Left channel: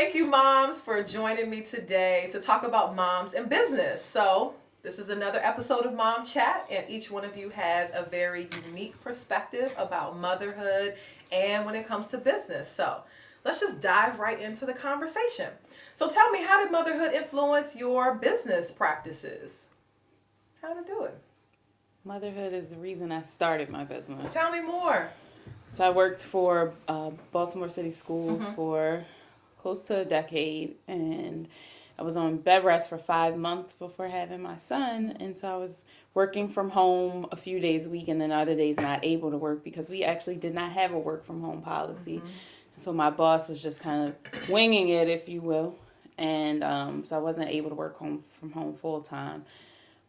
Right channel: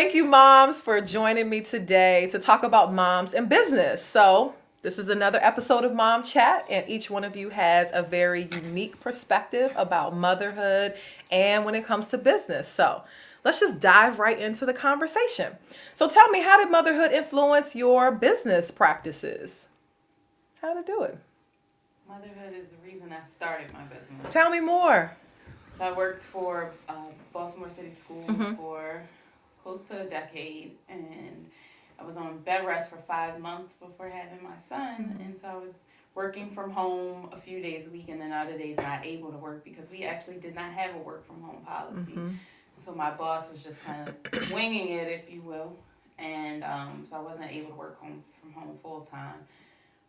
thank you, moms, for joining me today to talk about moms and business. So, this is another episode of Mom Chat, and each one of you has a very unique perspective about motherhood and when it comes to business. So, let's just dive right into the conversation. So, tell me, how did motherhood influence your business practices? How to do it? Motherhood is the reason I started my business. Tell me more. So I worked for Baltimore City Schools for close to a decade, and I was on bed rest for 5 months before having my son, and so I was working from home a few days a week, and then other days not able to work because we actually did not have a work from home policy. So my boss was just kind of winging it, if you will, and so I wasn't able to work from home full time.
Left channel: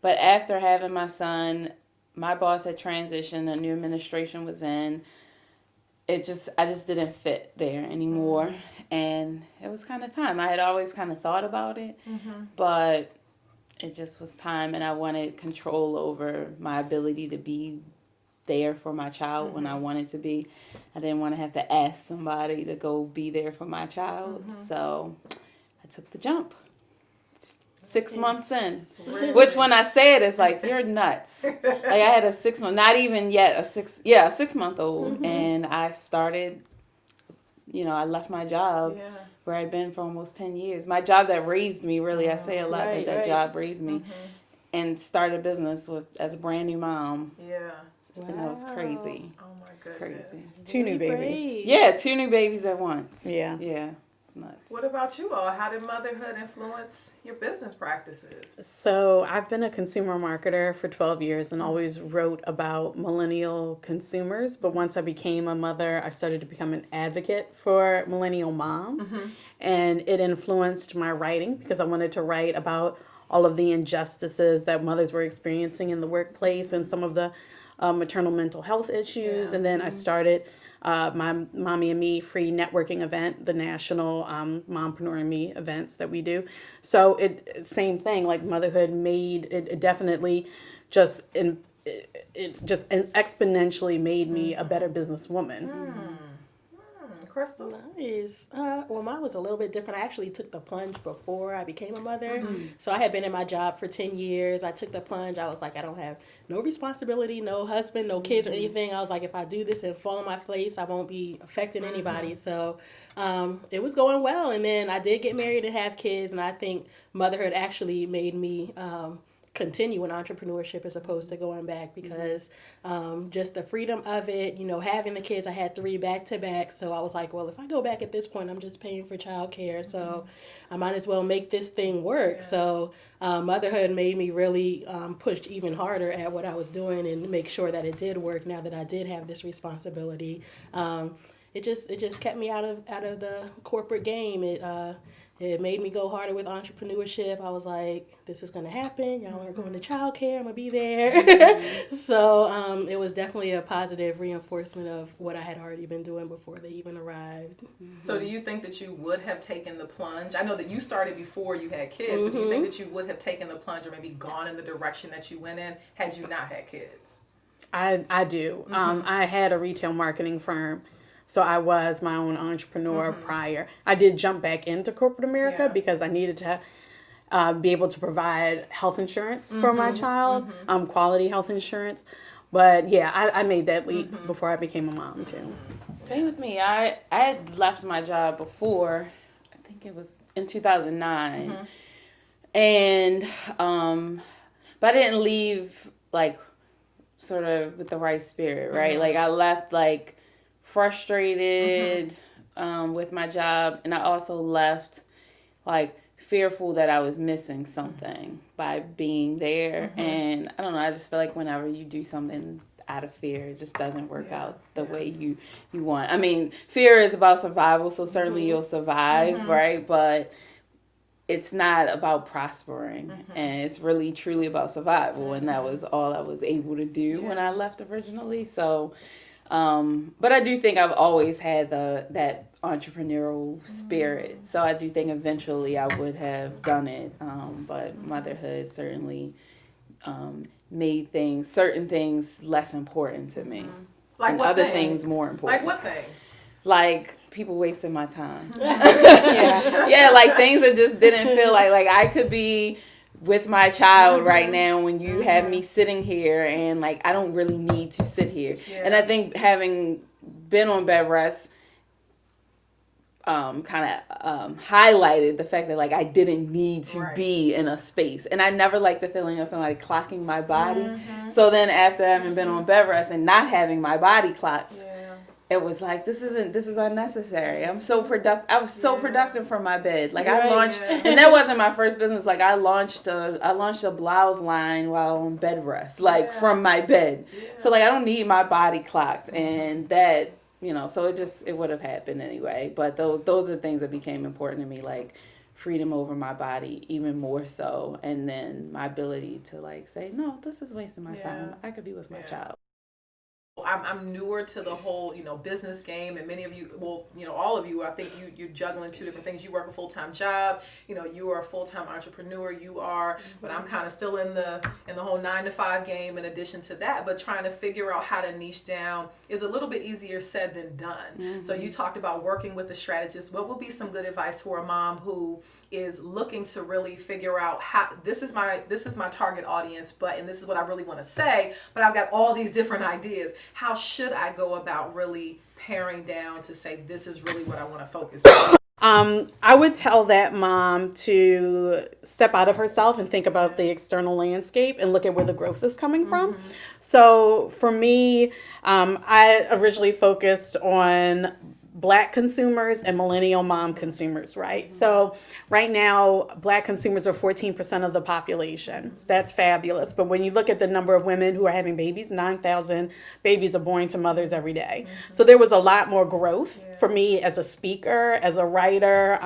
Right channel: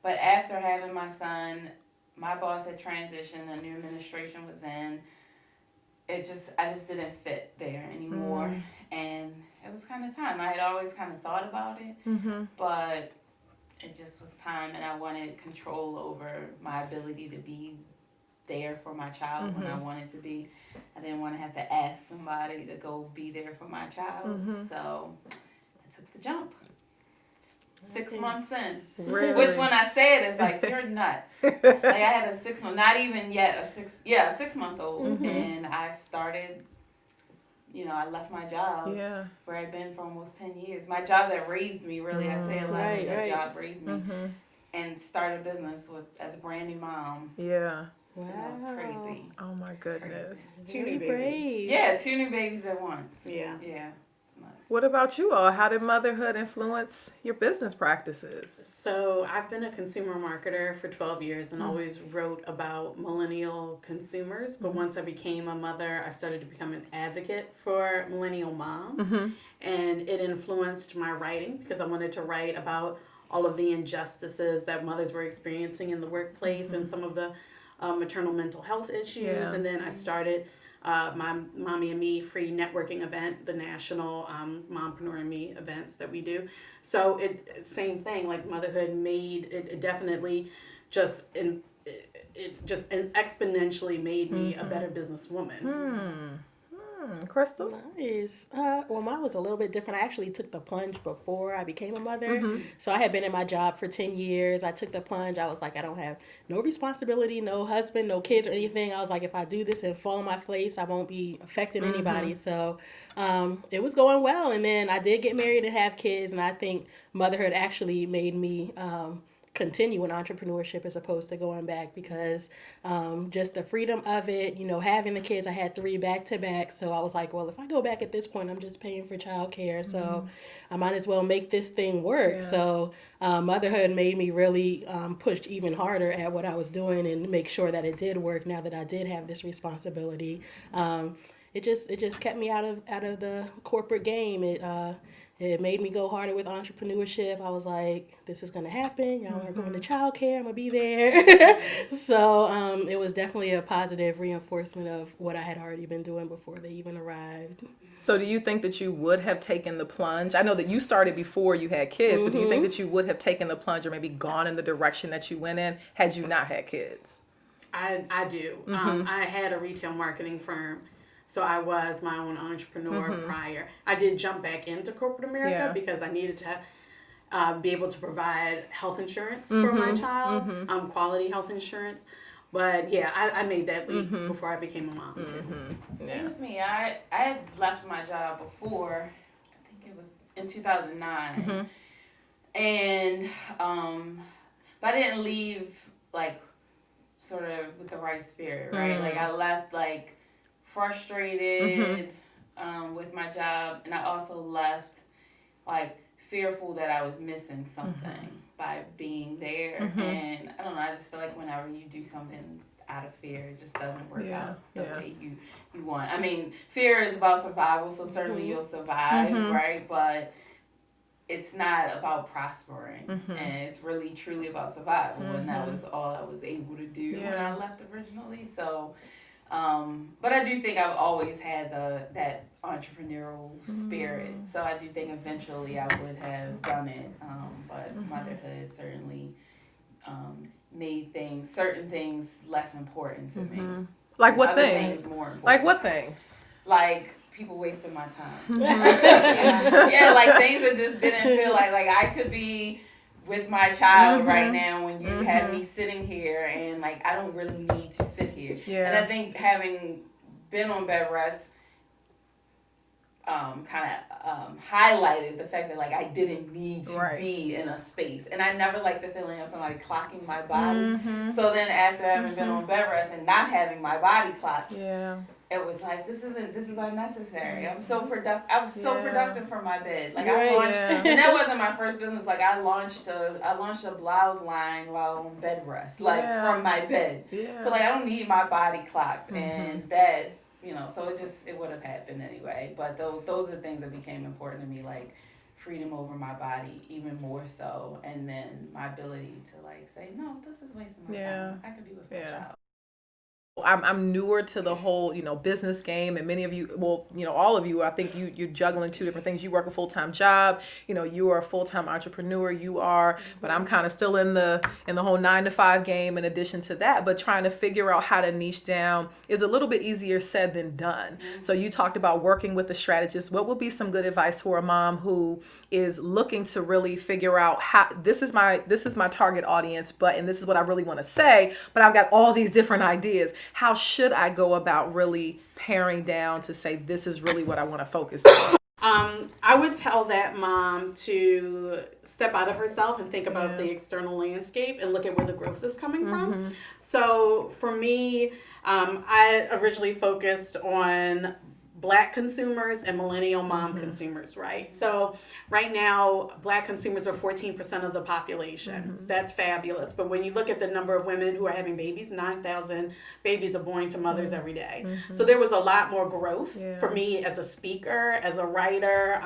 But after having my son, my boss had transitioned, a new administration was in. I just didn't fit there anymore, and it was kind of time. I had always kind of thought about it, but it just was time, and I wanted control over my ability to be there for my child when I wanted to be. I didn't want to have to ask somebody to go be there for my child, so I took the jump. 6 months in. Really? Which when I say it, it's like, you're nuts. Like I had a 6 month, not even yet a 6 month old. And I started, I left my job where I'd been for almost 10 years. My job that raised me, really, I say a lot that job raised me. And started a business as a brand new mom. Yeah. Wow. And it was crazy. Oh my goodness. Crazy. 2 new babies. Yeah, 2 new babies at once. Yeah. Yeah. Nuts. What about you all? How did motherhood influence your business practices? So I've been a consumer marketer for 12 years and always wrote about millennial consumers. But once I became a mother, I started to become an advocate for millennial moms. And it influenced my writing because I wanted to write about all of the injustices that mothers were experiencing in the workplace and some of the maternal mental health issues. And then I started my Mommy and Me free networking event, the national Mompreneur and Me events that we do. So same thing, like motherhood made it definitely just exponentially made me a better businesswoman. Crystal? Nice. Well, mine was a little bit different. I actually took the plunge before I became a mother. So I had been in my job for 10 years. I took the plunge. I was like, I don't have no responsibility, no husband, no kids or anything. I was like, if I do this and fall on my face, I won't be affecting anybody. So it was going well. And then I did get married and have kids. And I think motherhood actually made me continue in entrepreneurship as opposed to going back because just the freedom of it, having the kids, I had 3 back to back. So I was like, well, if I go back at this point, I'm just paying for childcare. So I might as well make this thing work. Yeah. So motherhood made me really push even harder at what I was doing and make sure that it did work now that I did have this responsibility. It just kept me out of the corporate game. It made me go harder with entrepreneurship. I was like, this is going to happen. Y'all are going to childcare. I'm going to be there. So it was definitely a positive reinforcement of what I had already been doing before they even arrived. So do you think that you would have taken the plunge? I know that you started before you had kids, but do you think that you would have taken the plunge or maybe gone in the direction that you went in had you not had kids? I do. I had a retail marketing firm. So I was my own entrepreneur prior. I did jump back into corporate America because I needed to be able to provide health insurance for my child, quality health insurance. But yeah, I made that leap before I became a mom too. Same with me. I had left my job before, I think it was in 2009. And, but I didn't leave like sort of with the right spirit, right? Like I left like frustrated with my job, and I also left like fearful that I was missing something by being there. And I don't know, I just feel like whenever you do something out of fear, it just doesn't work out the way you want. I mean, fear is about survival, so certainly you'll survive, right? But it's not about prospering, and it's really truly about survival, and that was all I was able to do when I left originally. So but I do think I've always had that entrepreneurial spirit. So I do think eventually I would have done it. But motherhood certainly made certain things less important to me. Like what other things? Things more important. Like what things? like people wasted my time. Yeah, like things that just didn't feel like I could be with my child right now when you have me sitting here and like I don't really need to sit here. And I think having been on bed rest highlighted the fact that like I didn't need to be in a space, and I never liked the feeling of somebody clocking my body. So then after having been on bed rest and not having my body clocked, it was like this is unnecessary. I'm so productive. I was so productive from my bed. Like I launched, and that wasn't my first business. Like I launched a blouse line while on bed rest, like from my bed. So like I don't need my body clocked, and that. So it would have happened anyway. But those are things that became important to me, like freedom over my body, even more so, and then my ability to like say, no, this is wasting my time. I could be with my child. I'm newer to the whole, business game, and many of you, all of you, I think you're juggling two different things. You work a full-time job, you are a full-time entrepreneur, but I'm kind of still in the whole 9-to-5 game in addition to that, but trying to figure out how to niche down is a little bit easier said than done. So you talked about working with the strategist. What would be some good advice for a mom who is looking to really figure out how this is my target audience, and this is what I really want to say, but I've got all these different ideas. How should I go about really paring down to say this is really what I want to focus on? I would tell that mom to step out of herself and think about the external landscape and look at where the growth is coming from. So for me, I originally focused on Black consumers and millennial mom consumers, right? So right now, Black consumers are 14% of the population. That's fabulous. But when you look at the number of women who are having babies, 9,000 babies are born to mothers every day. So there was a lot more growth for me as a speaker, as a writer.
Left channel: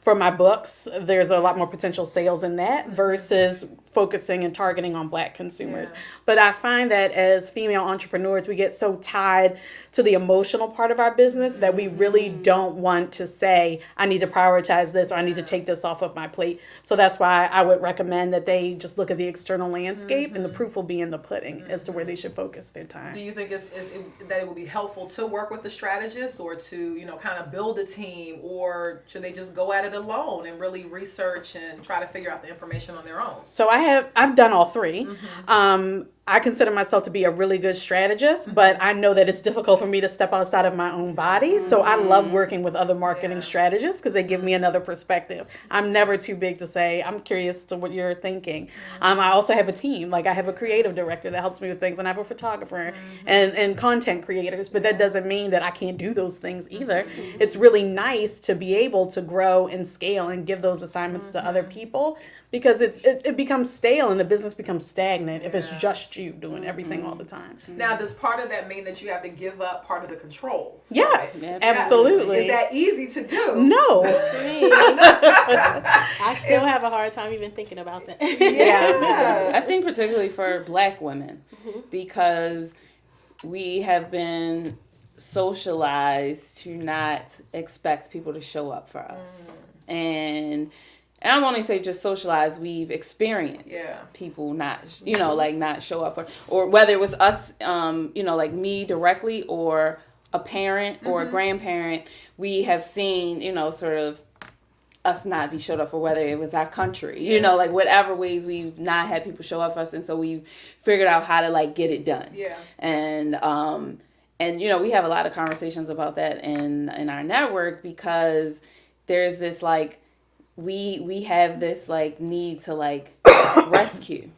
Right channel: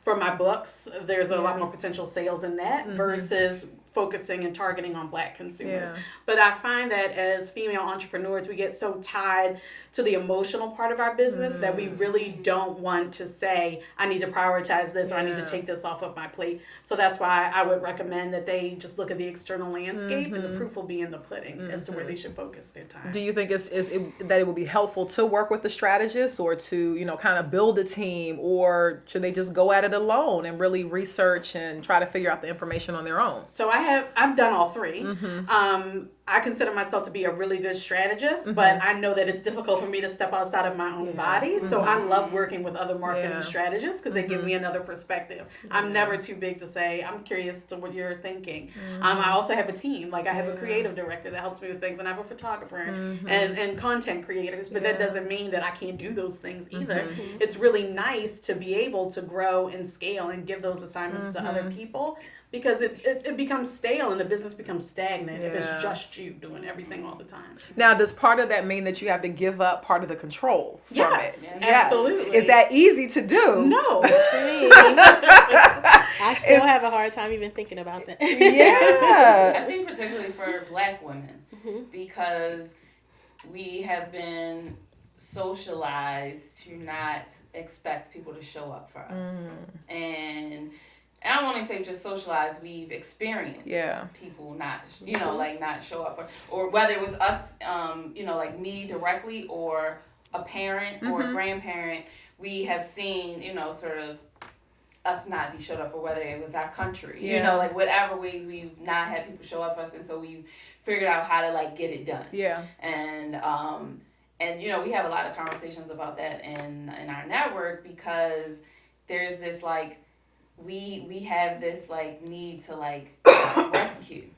For my books, there's a lot more potential sales in that versus focusing and targeting on Black consumers. But I find that as female entrepreneurs, we get so tied to the emotional part of our business that we really don't want to say, I need to prioritize this or I need to take this off of my plate. So that's why I would recommend that they just look at the external landscape and the proof will be in the pudding as to where they should focus their time. Do you think that it would be helpful to work with the strategist or to, kind of build a team, or should they just go at it alone and really research and try to figure out the information on their own? So I've done all three. I consider myself to be a really good strategist, but I know that it's difficult for me to step outside of my own body. So I love working with other marketing strategists because they give me another perspective. I'm never too big to say, I'm curious to what you're thinking. I also have a team. Like I have a creative director that helps me with things, and I have a photographer and content creators, but that doesn't mean that I can't do those things either. It's really nice to be able to grow and scale and give those assignments to other people, because it becomes stale and the business becomes stagnant if it's just you doing everything all the time. Now, does part of that mean that you have to give up part of the control? Yes, absolutely. Is that easy to do? No. I still have a hard time even thinking about that. I think particularly for Black women, because we have been socialized to not expect people to show up for us. And I don't want to say just socialized, we've experienced people not, like not show up for, or whether it was us, like me directly or a parent or a grandparent, we have seen, sort of us not be showed up for, whether it was our country, like whatever ways we've not had people show up for us. And so we've figured out how to like get it done. And we have a lot of conversations about that in our network, because there's this like, we have this like need to like rescue.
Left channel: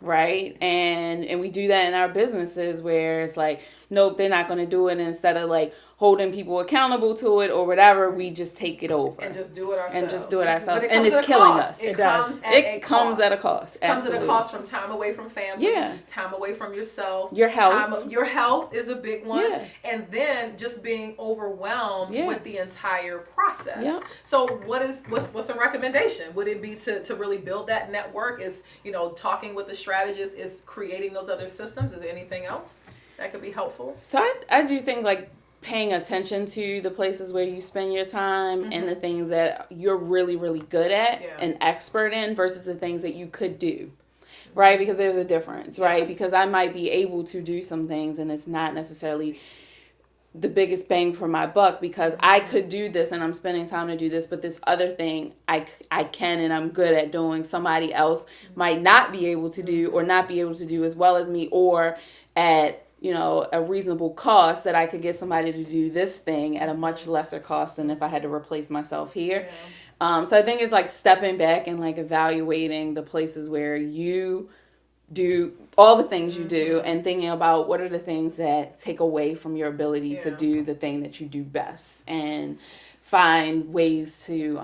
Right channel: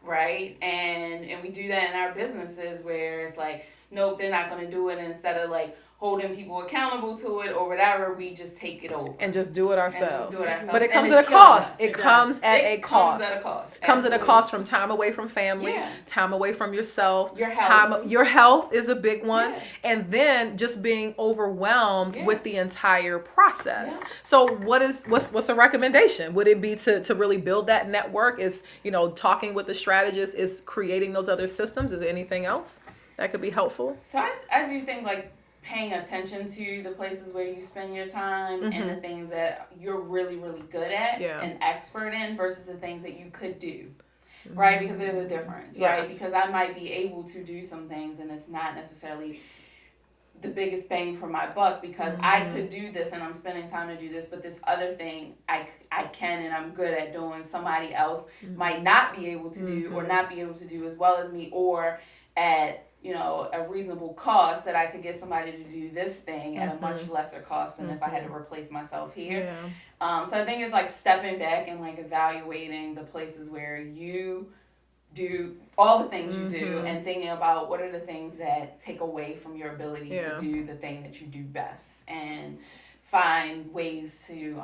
Right? And we do that in our businesses where it's like, nope, they're not going to do it. And instead of like holding people accountable to it or whatever, we just take it over. And just do it ourselves. But it comes at a cost. It comes at a cost. It comes at a cost from time away from family, time away from yourself. Your health. Your health is a big one. And then just being overwhelmed with the entire process. So what's a recommendation? Would it be to really build that network? Is, talking with the strategist, is creating those other systems? Is there anything else that could be helpful? So I do think like paying attention to the places where you spend your time and the things that you're really, really good at and expert in versus the things that you could do, right? Because there's a difference, right? Because I might be able to do some things and it's not necessarily the biggest bang for my buck, because I could do this and I'm spending time to do this, but this other thing I can and I'm good at doing, somebody else might not be able to do, or not be able to do as well as me, or at, you know, a reasonable cost, that I could get somebody to do this thing at a much lesser cost than if I had to replace myself here. So I think it's like stepping back and like evaluating the places where you do all the things you do, and thinking about what are the things that take away from your ability to do the thing that you do best, and find ways to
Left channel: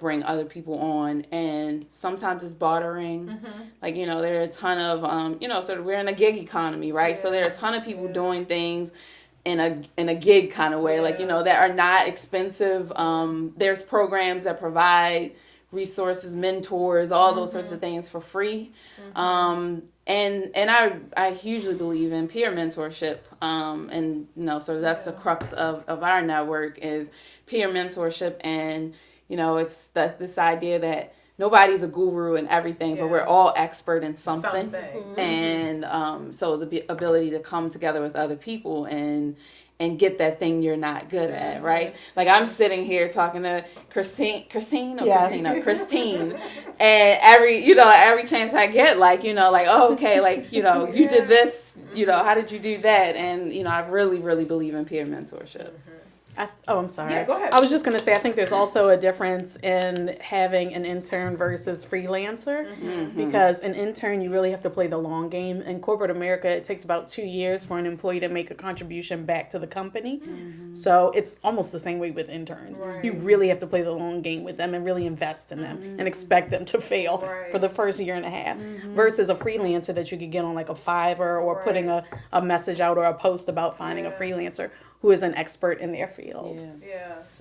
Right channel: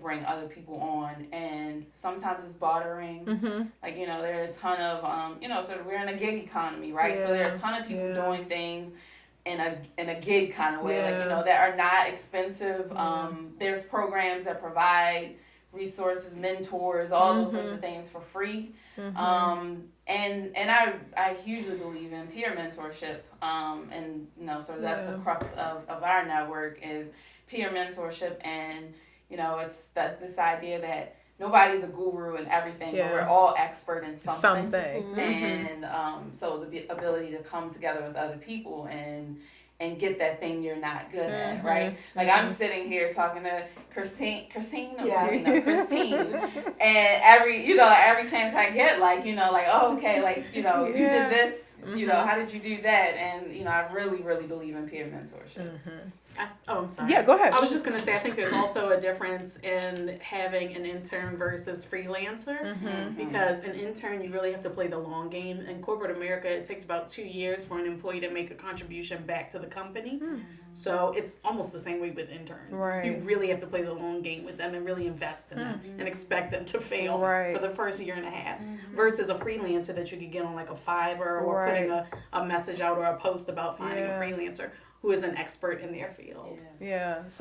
bring other people on. And sometimes it's bartering. Like, you know, there are a ton of you know, sort of, we're in a gig economy, right? So there are a ton of people doing things in a gig kind of way, like, you know, that are not expensive. There's programs that provide resources, mentors, all those sorts of things for free. And I hugely believe in peer mentorship. And, you know, so that's the crux of our network, is peer mentorship. And, you know, it's this idea that nobody's a guru in everything, but we're all expert in something. And so the ability to come together with other people and get that thing you're not good at, right? Like, I'm sitting here talking to Christine, and every chance I get, like, you know, like, oh, okay, like, you know, you did this, you know, how did you do that? And, you know, I really, really believe in peer mentorship. I'm sorry. Yeah, go ahead. I was just going to say, I think there's also a difference in having an intern versus freelancer, because an intern, you really have to play the long game. In corporate America, it takes about 2 years for an employee to make a contribution back to the company. So it's almost the same way with interns. Right. You really have to play the long game with them and really invest in them and expect them to fail for the first year and a half, versus a freelancer that you could get on like a Fiverr, or putting a message out or a post about finding a freelancer who is an expert in their field.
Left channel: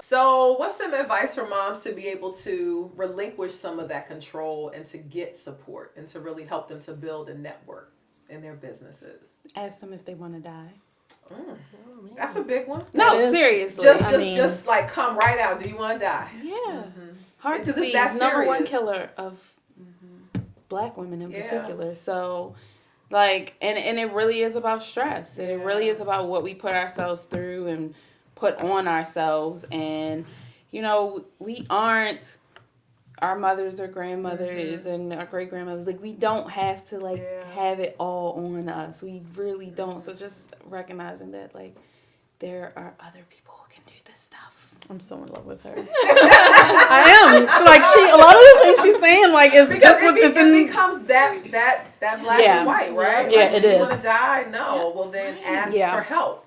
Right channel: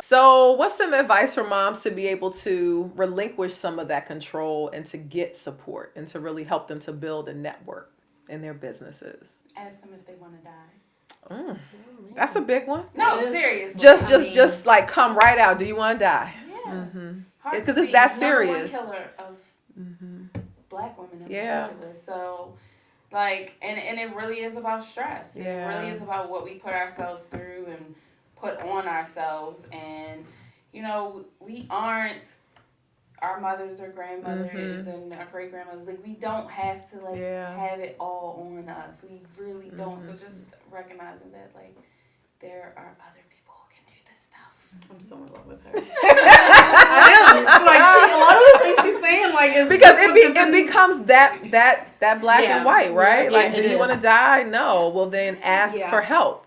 So what's some advice for moms to be able to relinquish some of that control and to get support and to really help them to build a network in their businesses? Ask them if they want to die. That's a big one. No, seriously. Just like, come right out. Do you want to die? Heart Because disease, it's that number one serious. killer of Black women in particular. So, like, and it really is about stress. It really is about what we put ourselves through and put on ourselves. And, you know, we aren't our mothers or grandmothers and our great grandmothers. Like, we don't have to, like, have it all on us. We really don't. So just recognizing that, like, there are other people who can do this stuff. I'm so in love with her. I am. It's like, a lot of the things she's saying, like, is because it becomes that black and white, right? Yeah, like, do you want to die? No. Well, then ask for help.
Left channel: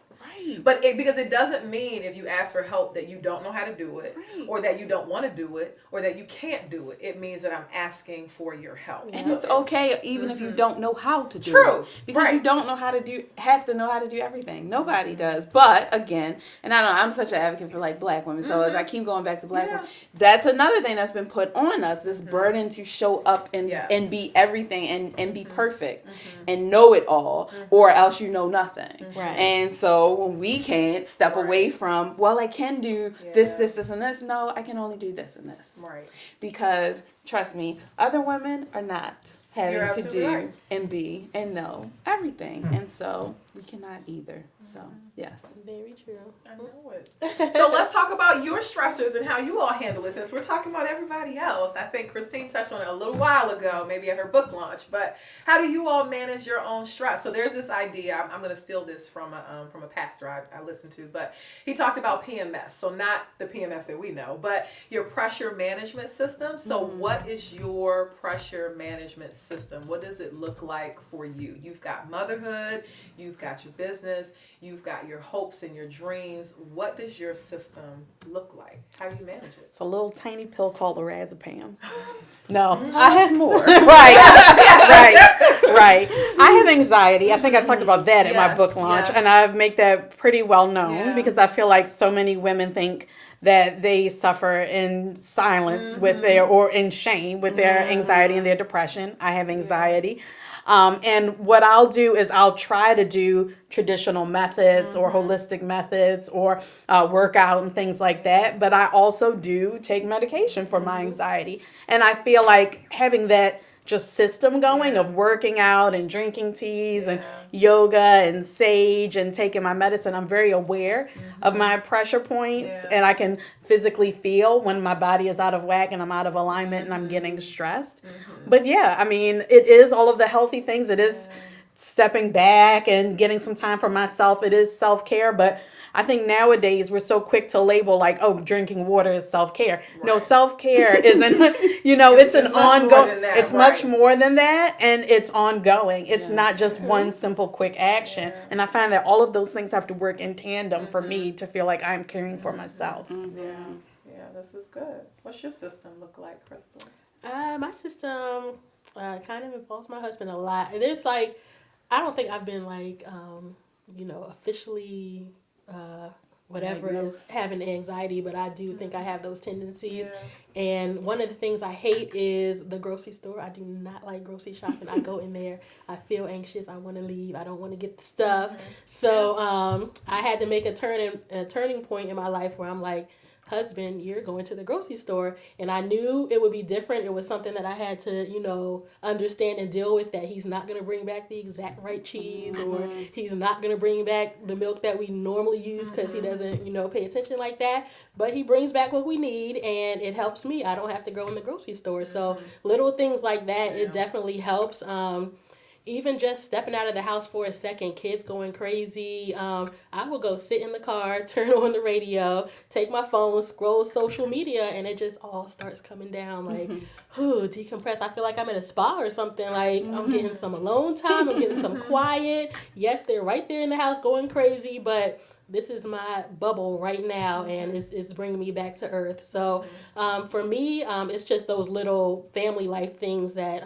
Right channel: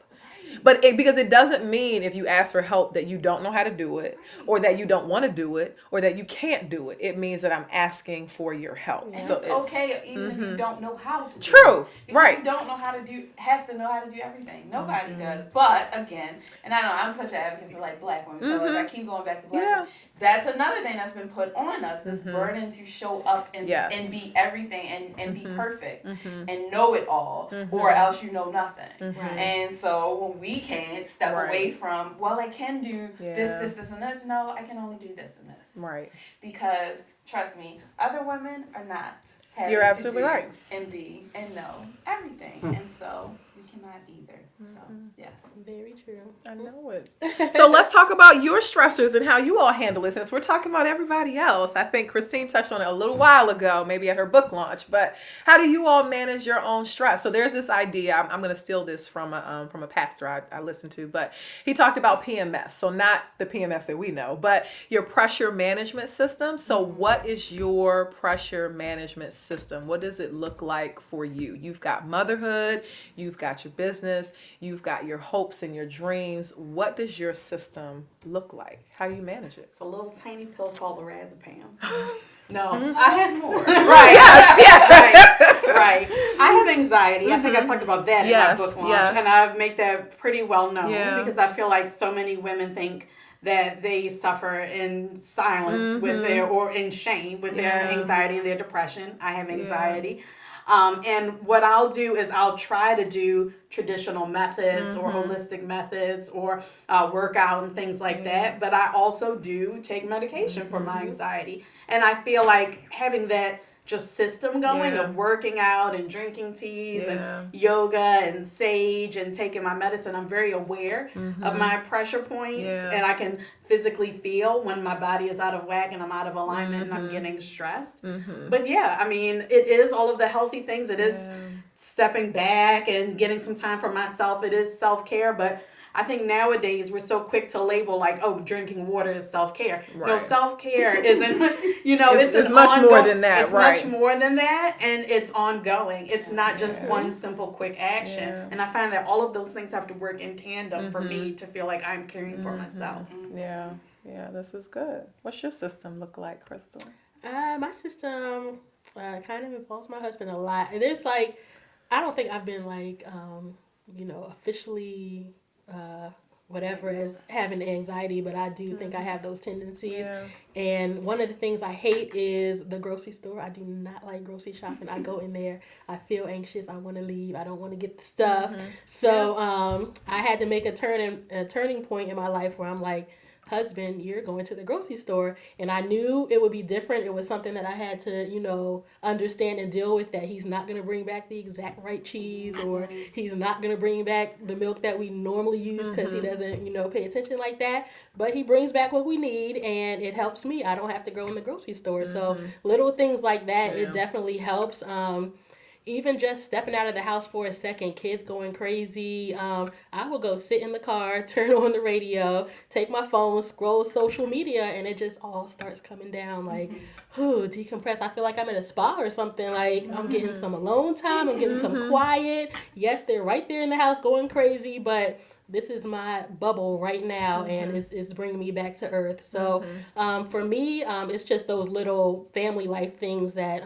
But because it doesn't mean if you ask for help that you don't know how to do it, or that you don't want to do it, or that you can't do it. It means that I'm asking for your help. And so it's okay even if you don't know how to do it. True. Because you don't know how to have to know how to do everything. Nobody does. But again, and I know I'm such an advocate for, like, Black women, so as I keep going back to Black women, that's another thing that's been put on us, this burden to show up and be everything and be perfect and know it all, or else you know nothing. And so when we can't step away from, well, I can do this, and this. No, I can only do this and this. Right. Because, trust me, other women are not having You're to absolutely do right. and be and know everything. And so we cannot either. So, yes. Very true. I know it. So let's talk about your stressors and how you all handle it, since we're talking about everybody else. I think Christine touched on it a little while ago, maybe at her book launch, but how do you all manage your own stress? So there's this idea, I'm going to steal this from a pastor I listened to, but he talked about PMS. So not the PMS that we know, but your pressure management system. So what is your pressure management system? What does it look like for you? You've got motherhood, you've got your business, you've got your hopes and your dreams. What does your system look like? How do you manage it? It's a little tiny pill called lorazepam. No, I have more. Right. I have anxiety. I think I talked about that in my book launch, and I make that pretty well known because I feel like so many women think that they suffer in silence with or in shame with their anxiety and their depression. I have anxiety. And what I'll do is I'll try to do traditional methods or holistic methods or workout and things like that. But I also do take medication for my anxiety. And I feel like having that just system going Yeah. of working out and drinking teas and Yeah. yoga and sage and taking my medicine. I'm very aware of my pressure points, Yeah. and I can physically feel when my body is out of whack and I'm out of alignment and I'm getting stressed. But yeah, I mean, it is all of the healthy things. It is stepping back and getting some time for myself. It is self-care, but I think nowadays we're so quick to label like, oh, drinking water is self-care. No, Right. self-care isn't, it's It's an much ongoing, more than that, it's right. much more than that, and it's ongoing. It's not just one simple quick action. Yeah. And I find that all of those things have to work in tandem for me to feel like I'm caring for myself. Yeah. Yeah, this is good. What's your system look like, Crystal? My system kind of involves my husband a lot. And there's like, I don't think I've been like, officially, whatever is having anxiety, but I do think I have those tendencies. Yeah. And one of the things I hate is the grocery store. I do not like grocery shopping. I go in there, I feel anxious. I want to leave. I don't want to get the stuff. So I had to make a turning point in my life where I'm like, husband, you're going to the grocery store. And I knew it would be different. It was something that I had to, understand and deal with, that he's not going to bring back the exact right cheese, or he's not going to bring back the milk that we normally use because he doesn't, pay attention like that. But he brings back what we need, and it helps me. I don't have to go in the grocery store. So little things like that, it definitely helps. Even just stepping out of the house for a second, kids going crazy. I will go sit in the car, turn on the radio, take my phone, scroll social media, and it just all starts coming down. Like, decompress. I feel like I'm at a spa or something. Like, I'm getting some alone time. I'm getting some quiet. Yes, they're right there in the house going crazy, but this is my bubble right now, and it's bringing me back to earth. So for me, it's just those little family life things that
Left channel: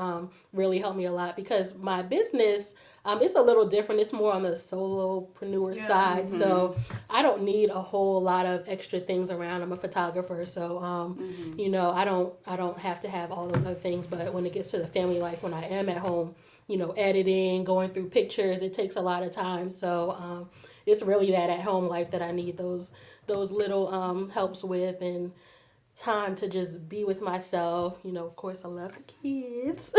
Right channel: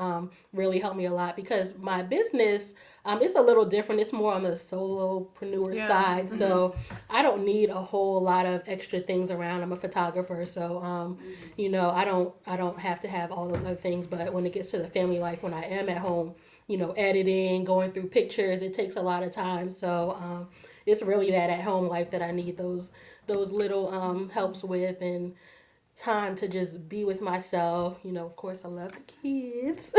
really help me a lot, because my business, it's a little different. It's more on the solopreneur side. So I don't need a whole lot of extra things around. I'm a photographer, so I don't have to have all those other things. But when it gets to the family life, when I am at home, editing, going through pictures, it takes a lot of time. So it's really that at home life that I need those little helps with, and time to just be with myself. Of course I love the kids,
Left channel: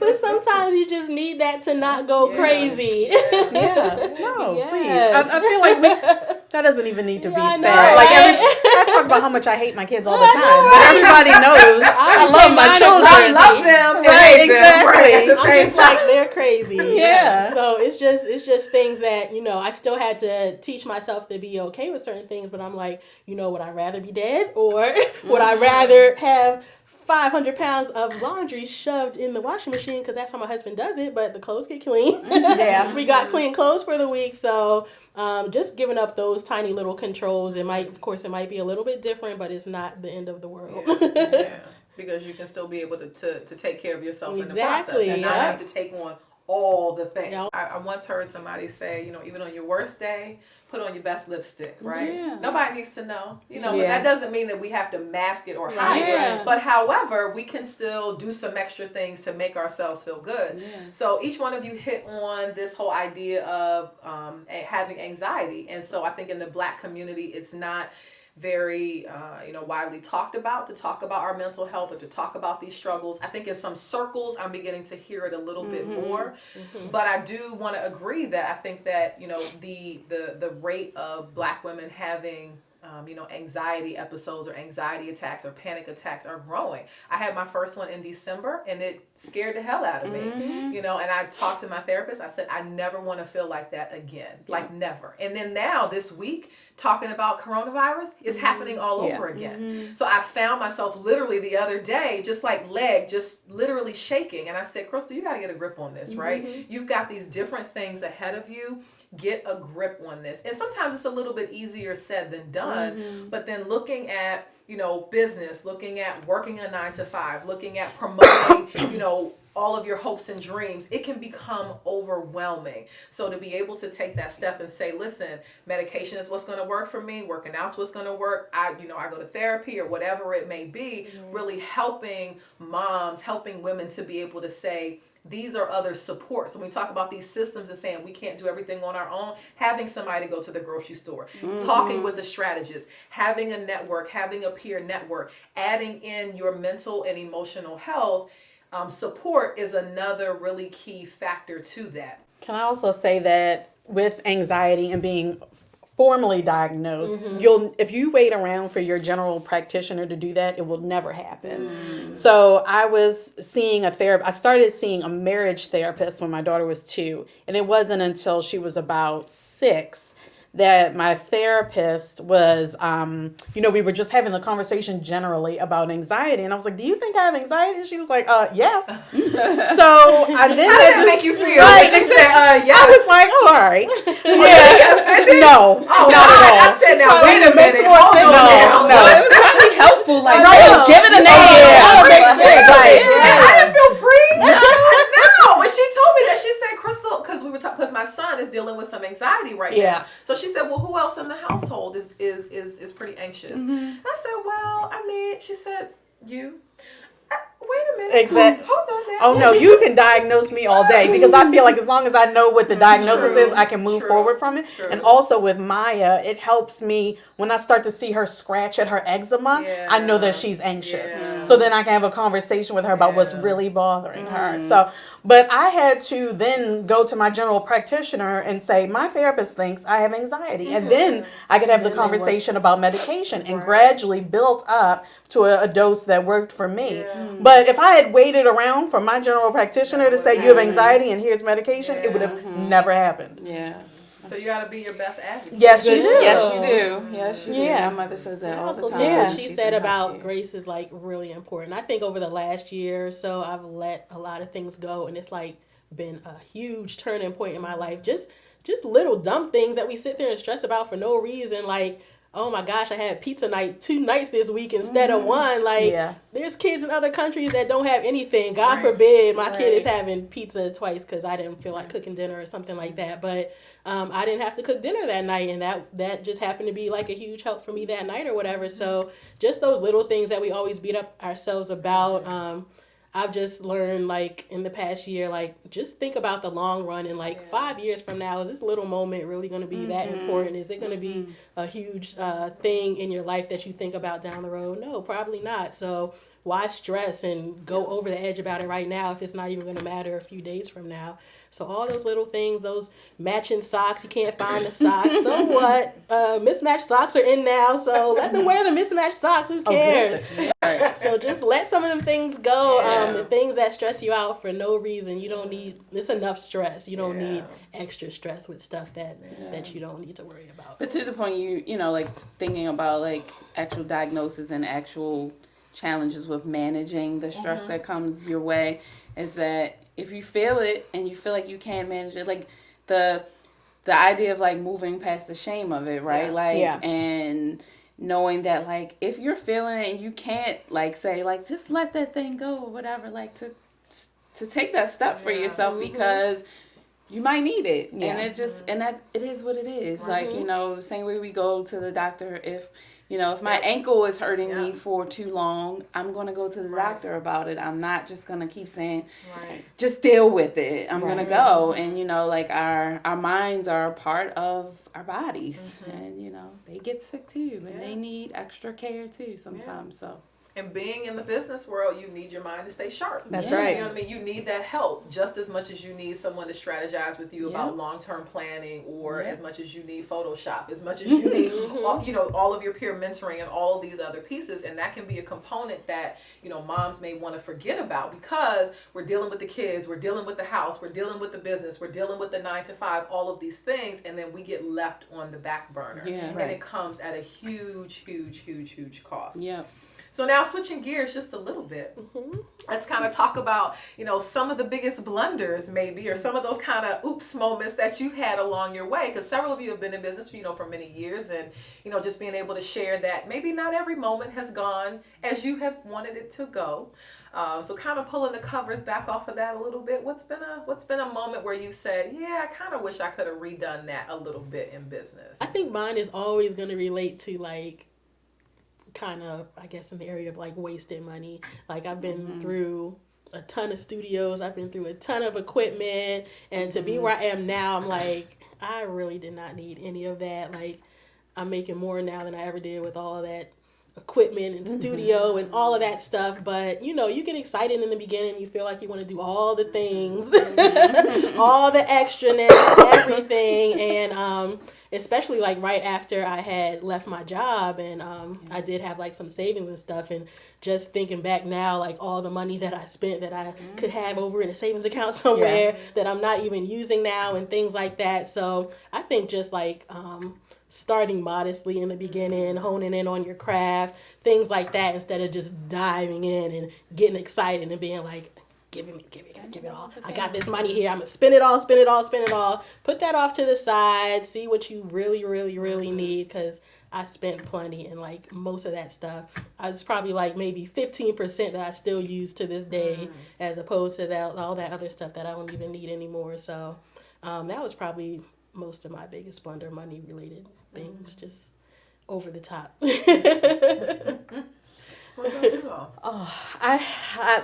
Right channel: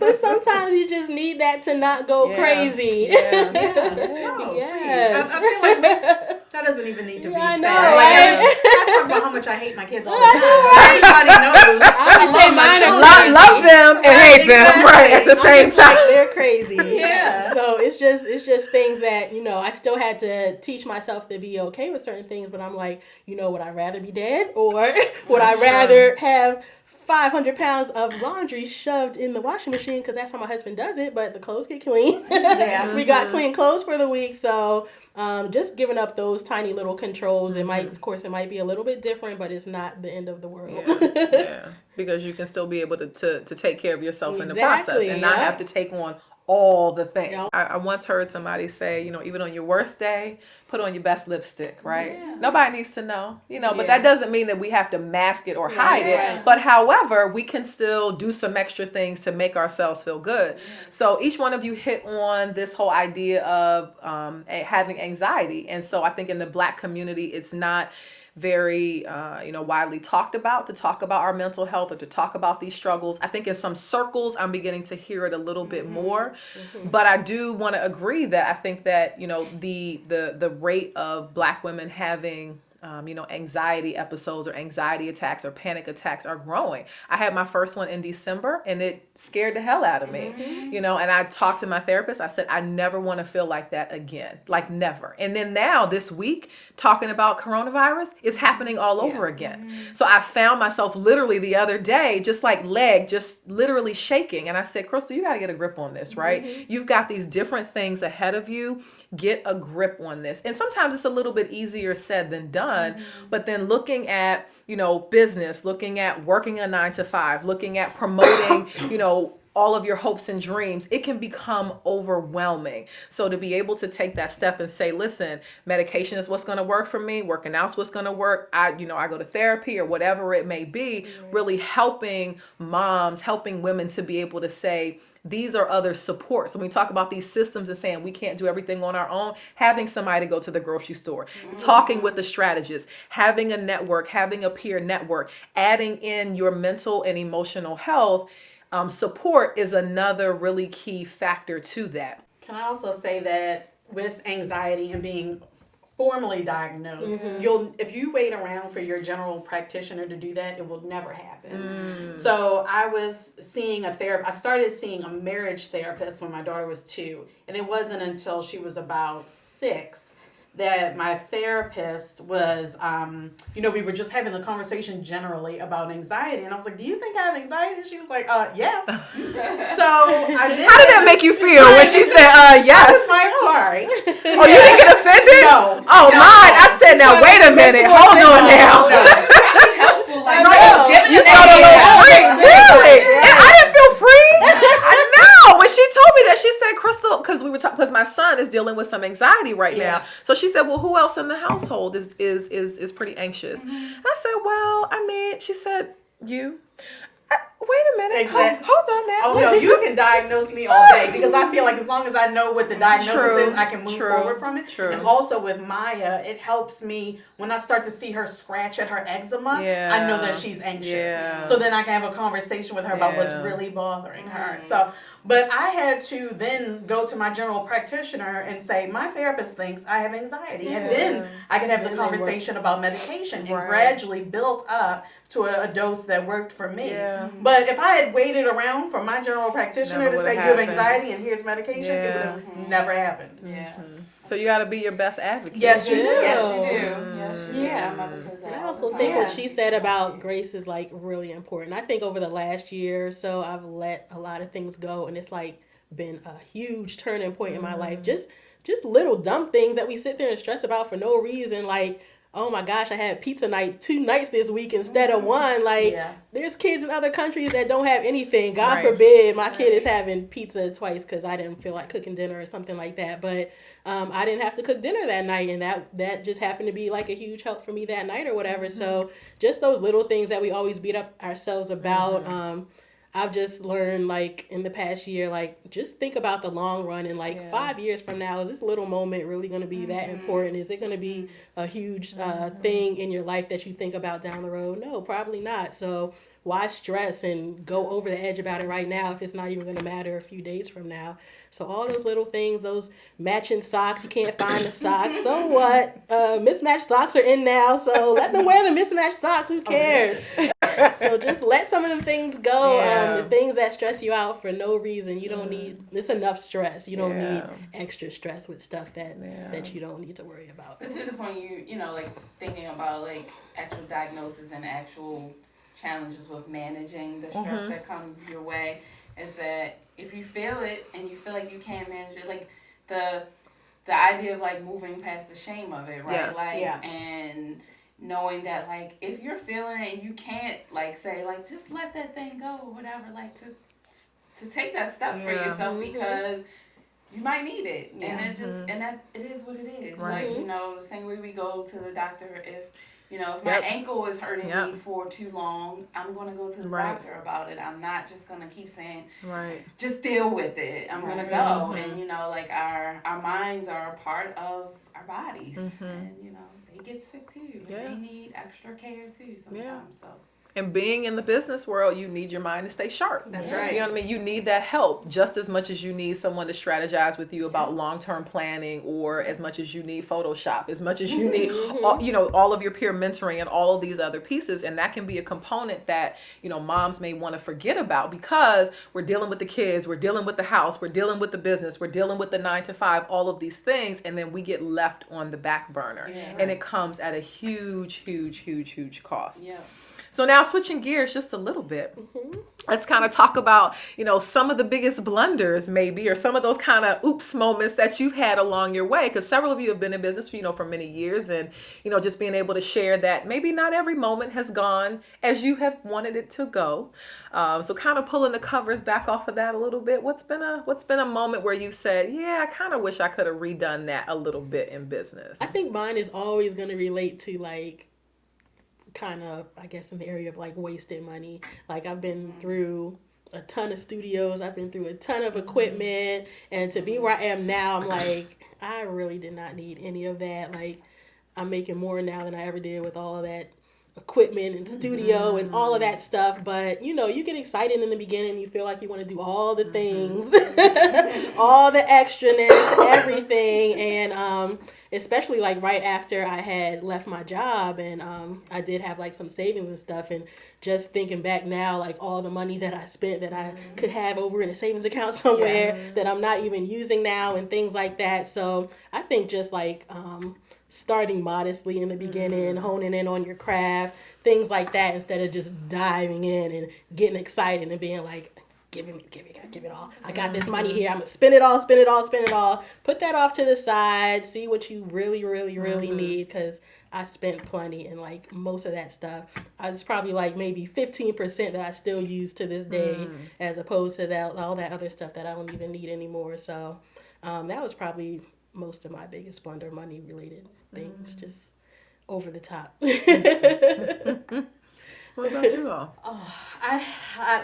but sometimes you just need that to not go crazy. No, Yes. please. I feel like that doesn't even need to be I said. know, Like, right? I talk about how much I hate my kids all the time. But everybody knows I would love say my mine are children. crazy. I love them and Right, hate them right at the I'm same just time. like, they're crazy. Yeah. So it's just things that, I still had to teach myself to be okay with certain things, but I'm like, would I rather be dead, or would I rather have 500 pounds of laundry shoved in the washing machine, because that's how my husband does it, but the clothes get clean. Yeah. We got clean clothes for the week. So just giving up those tiny little controls, it might be a little bit different, but it's not the end of the world. Yeah, because you can still be able to take care of yourself in the process Exactly, and not yeah. have to take on all the things. Yeah. I once heard somebody say, even on your worst day, put on your best lipstick, right? Yeah. Nobody needs to know, but Yeah. that doesn't mean that we have to mask it or hide Yeah. it. But however, we can still do some extra things to make ourselves feel good. Yeah. So each one of you hit on this whole idea of having anxiety. And so I think in the Black community, it's not very widely talked about, to talk about our mental health or to talk about these struggles. I think in some circles I'm beginning to hear it a little bit more, but I do want to agree that I think that the rate of Black women having anxiety episodes or anxiety attacks or panic attacks are growing. I had my first one in December, and it scared the hell out of me, and I talked to my therapist. I said, I never want to feel like that again, like never. And then now this week, talking about coronavirus is happening all over again. So I found myself literally the other day, just like just literally shaking. And I said, Crystal, you got to get a grip on this, right? You've got these different things ahead of you. Get a grip on this. And sometimes it's a little bit easier said than done, but then looking at, business, looking at working a 9-to-5, looking at promoting, all of your hopes and dreams, it can become overwhelming. So to be able to take that step and say, listen, medication is what's going to work for me, working out's what's going to work. I go to therapy or whatever it may be, really helping moms, helping women to be able to say, these are other supports. When we talk about these systems and saying we can't do everything on our own, having somebody go to the grocery store, talking with the strategist, having a network, having a peer network, adding in your mental and emotional health, support is another really key factor to that. Can I also say that with anxiety and being formally diagnosed, you'll, if you wait around for your general practitioner to do that, it will never happen. So I was seeing a therapist. I started seeing a marriage therapist when my daughter was 2, and it wasn't until she was about 6 that my therapist was, we were just having the conversation generally about anxiety. And I was like, do you think I have anxiety? And she was like, yes. So I then How did that make you feel when she said, yes? I was like, oh, all right. Oh, you didn't get offended? No. Oh, God. I said, now, wait a minute. Hold on now. No, it's probably helpful. Like, know. giving a Yeah. name. And I didn't feel free. No. When she told me that, she said, Crystal, because we were talking, because my son is dealing with some anxiety right now. So she said, well, who else in the household is pretty anxious? I said, well, she said, you. Wait a minute. Exactly. Hold on now. Oh, no, you can diagnose me all day because I feel like as long as I know what the diagnosis is, I can move forward from it. True. And also with Maya, it helps me when I start to see her scratch at her eczema, I know that she's anxious. Yeah. So then I can have a conversation with her about what's really bothering her. So, but I had to then go to my general practitioner and say, my therapist thinks I have anxiety. And then I could have the conversation about medication and gradually built up to a dose that worked for me. But if I had waited around for my general practitioner to say you have anxiety and here's medication, it would have never happened. Yeah. So you got to be your best advocate. Yes, you do. Yes, you do. Yes, you do. Yeah. My mother says that I all the also time. think what She's she said an about advocate. grace is like really important. I think over the last year or so, I've let a lot of things go, and it's like been a huge turning point in my life. Just little dumb things that we sit there and stress about for no reason, like, oh my gosh, I had pizza night 2 nights this week instead of one. Like, there's kids in other countries that don't have anything. God forbid my kid is having pizza twice because I didn't feel like cooking dinner or something like that. But I didn't have to cook dinner that night, and that just happened to be like a huge help for me that night or whatever. So just those little things that we always beat up ourselves about. I've just learned, like, in the past year, like, just think about the long run and, like, 5 years from now, is this little moment really going to be that important? Is it going to be a huge thing in your life that you think about down the road? No, probably not. So why stress and go over the edge about it right now if it's not even going to matter a few days from now? So all those little things, those matching socks, you can't find the socks. So what? Mismatched socks are in now, so let them wear the mismatched socks. Who cares? So just let some of them things go. The things that stress you out for no reason. You don't need, it's enough stress. You don't need extra stress with stuff that you don't need to worry about. But to the point, you know, like thinking about like actual diagnosis and actual challenges with managing the stress that comes your way, is that if you feel it and you feel like you can't manage it, like the idea of like moving past the shame of it, right? And knowing that like if you're feeling it and you can't like say like just let that thing go or whatever, like to take that step for yourself because you might need it. And it just and that it is what it is. Like, you know, the same way we go to the doctor if my ankle is hurting me for too long, I'm going to go to the doctor about it. I'm not just going to keep saying, just deal with it. I'm going to go. And, you know, like our minds are a part of our bodies. And, you know, they get sick too. And they need extra care too sometimes. So. And being in the business world, you need your mind to stay sharp. That's right. You know what I mean? You need that help just as much as you need someone to strategize with you about long-term planning, or as much as you need Photoshop, as much as you need, all of your peer mentoring and all of these other pieces. And that can be a component that, moms may want to forget about because we're dealing with the kids, we're dealing with the house, we're dealing with the business, we're dealing with the 9-to-5, all of these things. And then we get left on the back burner. And it comes at a huge, huge, huge, huge cost. Yeah. So now switching gears just a little bit, let's kind of talk about, some of the biggest blunders maybe, or some of those kind of oops moments that you've had along your way. Because several of you have been in business, for many years, and, just being able to share that maybe not every moment has gone as you have wanted it to go. So kind of pulling the covers back off of that a little bit. What's been a moment where you said, yeah, I kind of wish I could have redone that a little bit in business? I think mine is always going to relate to like, kind of, I guess, in the area of like wasted money. Like I've been through a ton of studios, I've been through a ton of equipment, and to be where I am now, I'm like, I really did not need any of that. Like I'm making more now than I ever did with all of that equipment and studio and all of that stuff. But, you know, you get excited in the beginning. You feel like you want to do all the things, all the extraness, everything. And especially like right after I had left my job and I did have like some savings and stuff. And just thinking back now, like all the money that I spent that I could have over in a savings account somewhere that I'm not even using now and things like that. So I think just like starting modestly in the beginning, honing in on your craft, things like that, instead of just diving in and getting excited and being like, give it all. I got this money here. I'm going to spend it all. Put that off to the side. See what you really, really, really need, because I spent plenty, and like most of that stuff, I was probably like maybe 15% that I still use to this day, as opposed to that all that other stuff that I don't even need anymore. So that was probably most of my biggest blunder, money related things, just over the top. What about you all? Oh, I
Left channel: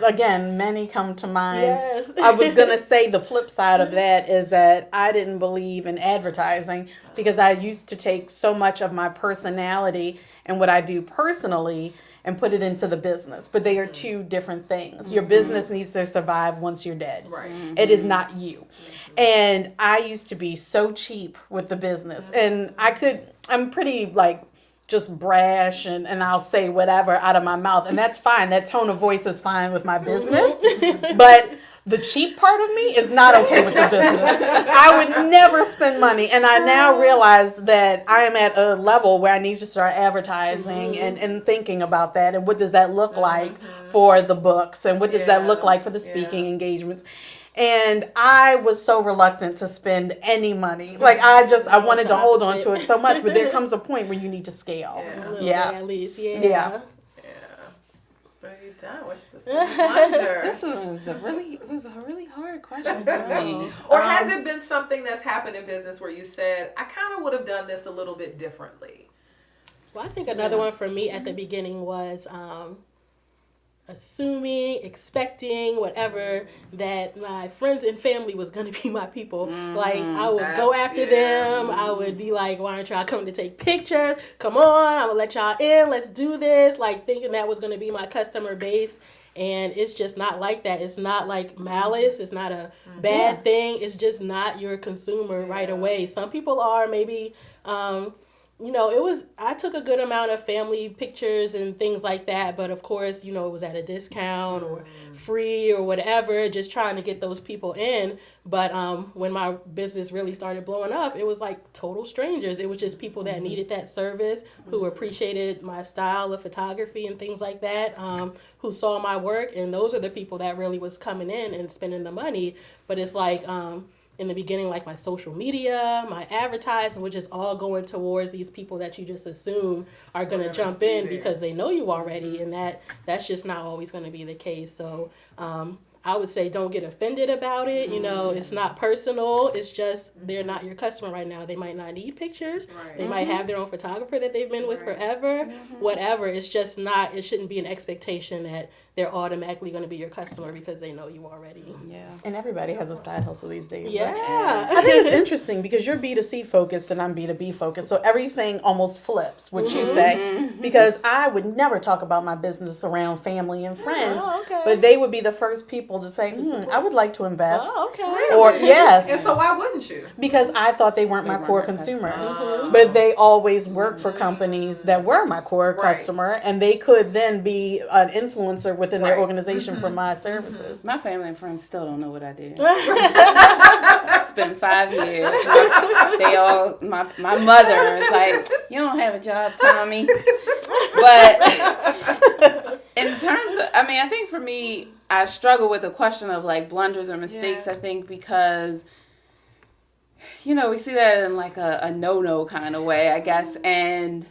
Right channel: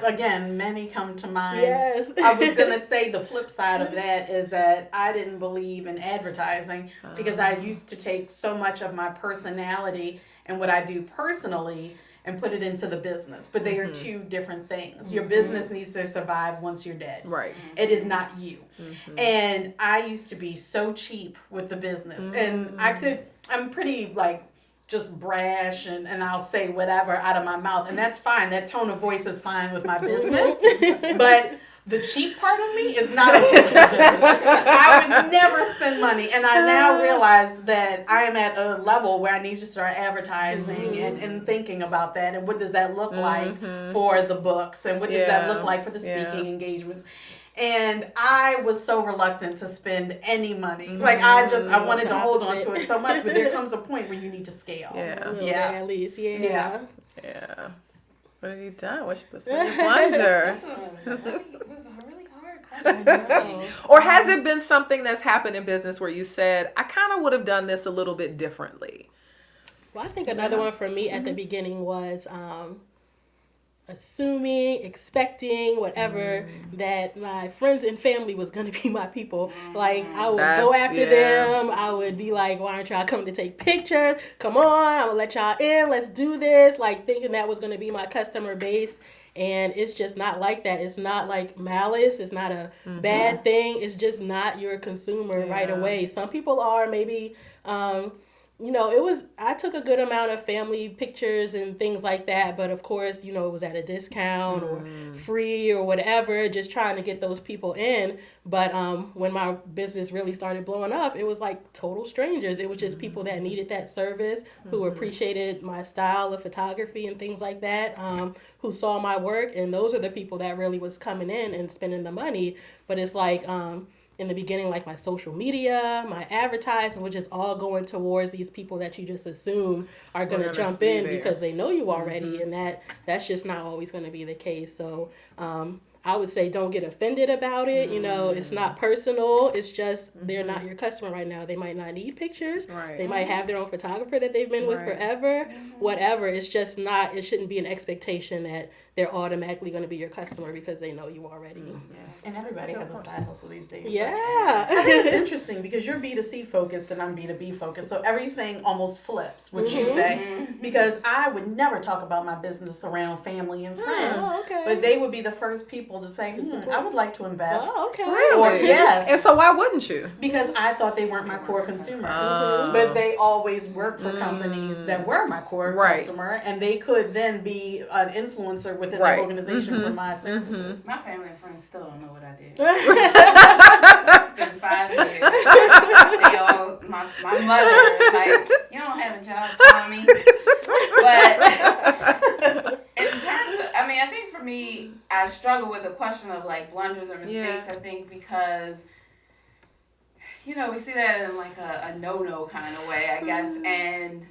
again, many come to mind. Yes. I was going to say the flip side of that is that I didn't believe in advertising because I used to take so much of my personality and what I do personally and put it into the business. But they are two different things. Your business needs to survive once you're dead. Right. It is not you. And I used to be so cheap with the business. And I'm pretty like just brash and I'll say whatever out of my mouth. And that's fine. That tone of voice is fine with my business. But the cheap part of me is not okay with the business. I would never spend money. And I now realize that I am at a level where I need to start advertising and thinking about that. And what does that look like for the books? And what does that look like for the speaking engagements? And I was so reluctant to spend any money. Like I wanted to hold on to it so much, but there comes a point where you need to scale. Yeah. At least, Yeah. What have you done? What's the blunder? This was a really hard question for me. Or has it been something that's happened in business where you said, I kind of would have done this a little bit differently? Well, I think another one for me at the beginning was assuming, expecting, whatever, that my friends and family was going to be my people. Like, I would go after them. I would be like, why aren't y'all coming to take pictures? Come on, I'm going to let y'all in. Let's do this. Like, thinking that was going to be my customer base. And it's just not like that. It's not like malice. It's not a bad thing. It's just not your consumer right away. Some people are maybe... you know, I took a good amount of family pictures and things like that, but of course, you know, it was at a discount or free or whatever, just trying to get those people in. But when my business really started blowing up, it was like total strangers. It was just people that needed that service, who appreciated my style of photography and things like that, who saw my work. And those are the people that really was coming in and spending the money. But it's like... in the beginning, like my social media, my advertising, which is all going towards these people that you just assume are going to jump in because they know you already. And that's just not always going to be the case. So I would say don't get offended about it. You know, it's not personal. It's just they're not your customer right now. They might not need pictures. Right. They might have their own photographer that they've been with forever. Whatever. It's just not, it shouldn't be an expectation that they're automatically going to be your customer because they know you already. And everybody has a side hustle these days. Yeah. I think it's interesting because you're B2C focused and I'm B2B focused. So everything almost flips, what you say. Because I would never talk about my business around family and friends. But they would be the first people to say, I would like to invest. Really? Or yes. And so why wouldn't you? Because I thought they weren't my core consumer. But they always worked for companies that were my core customer. And they could then be an influencer within their organization for my services. My family and friends still don't know what I did. It's been 5 years. They all, my mother is like, you don't have a job, Tommy. But in terms of, I mean, I think for me, I struggle with the question of like blunders or mistakes, I think, because, you know, we see that in like a no-no kind of way, I guess. And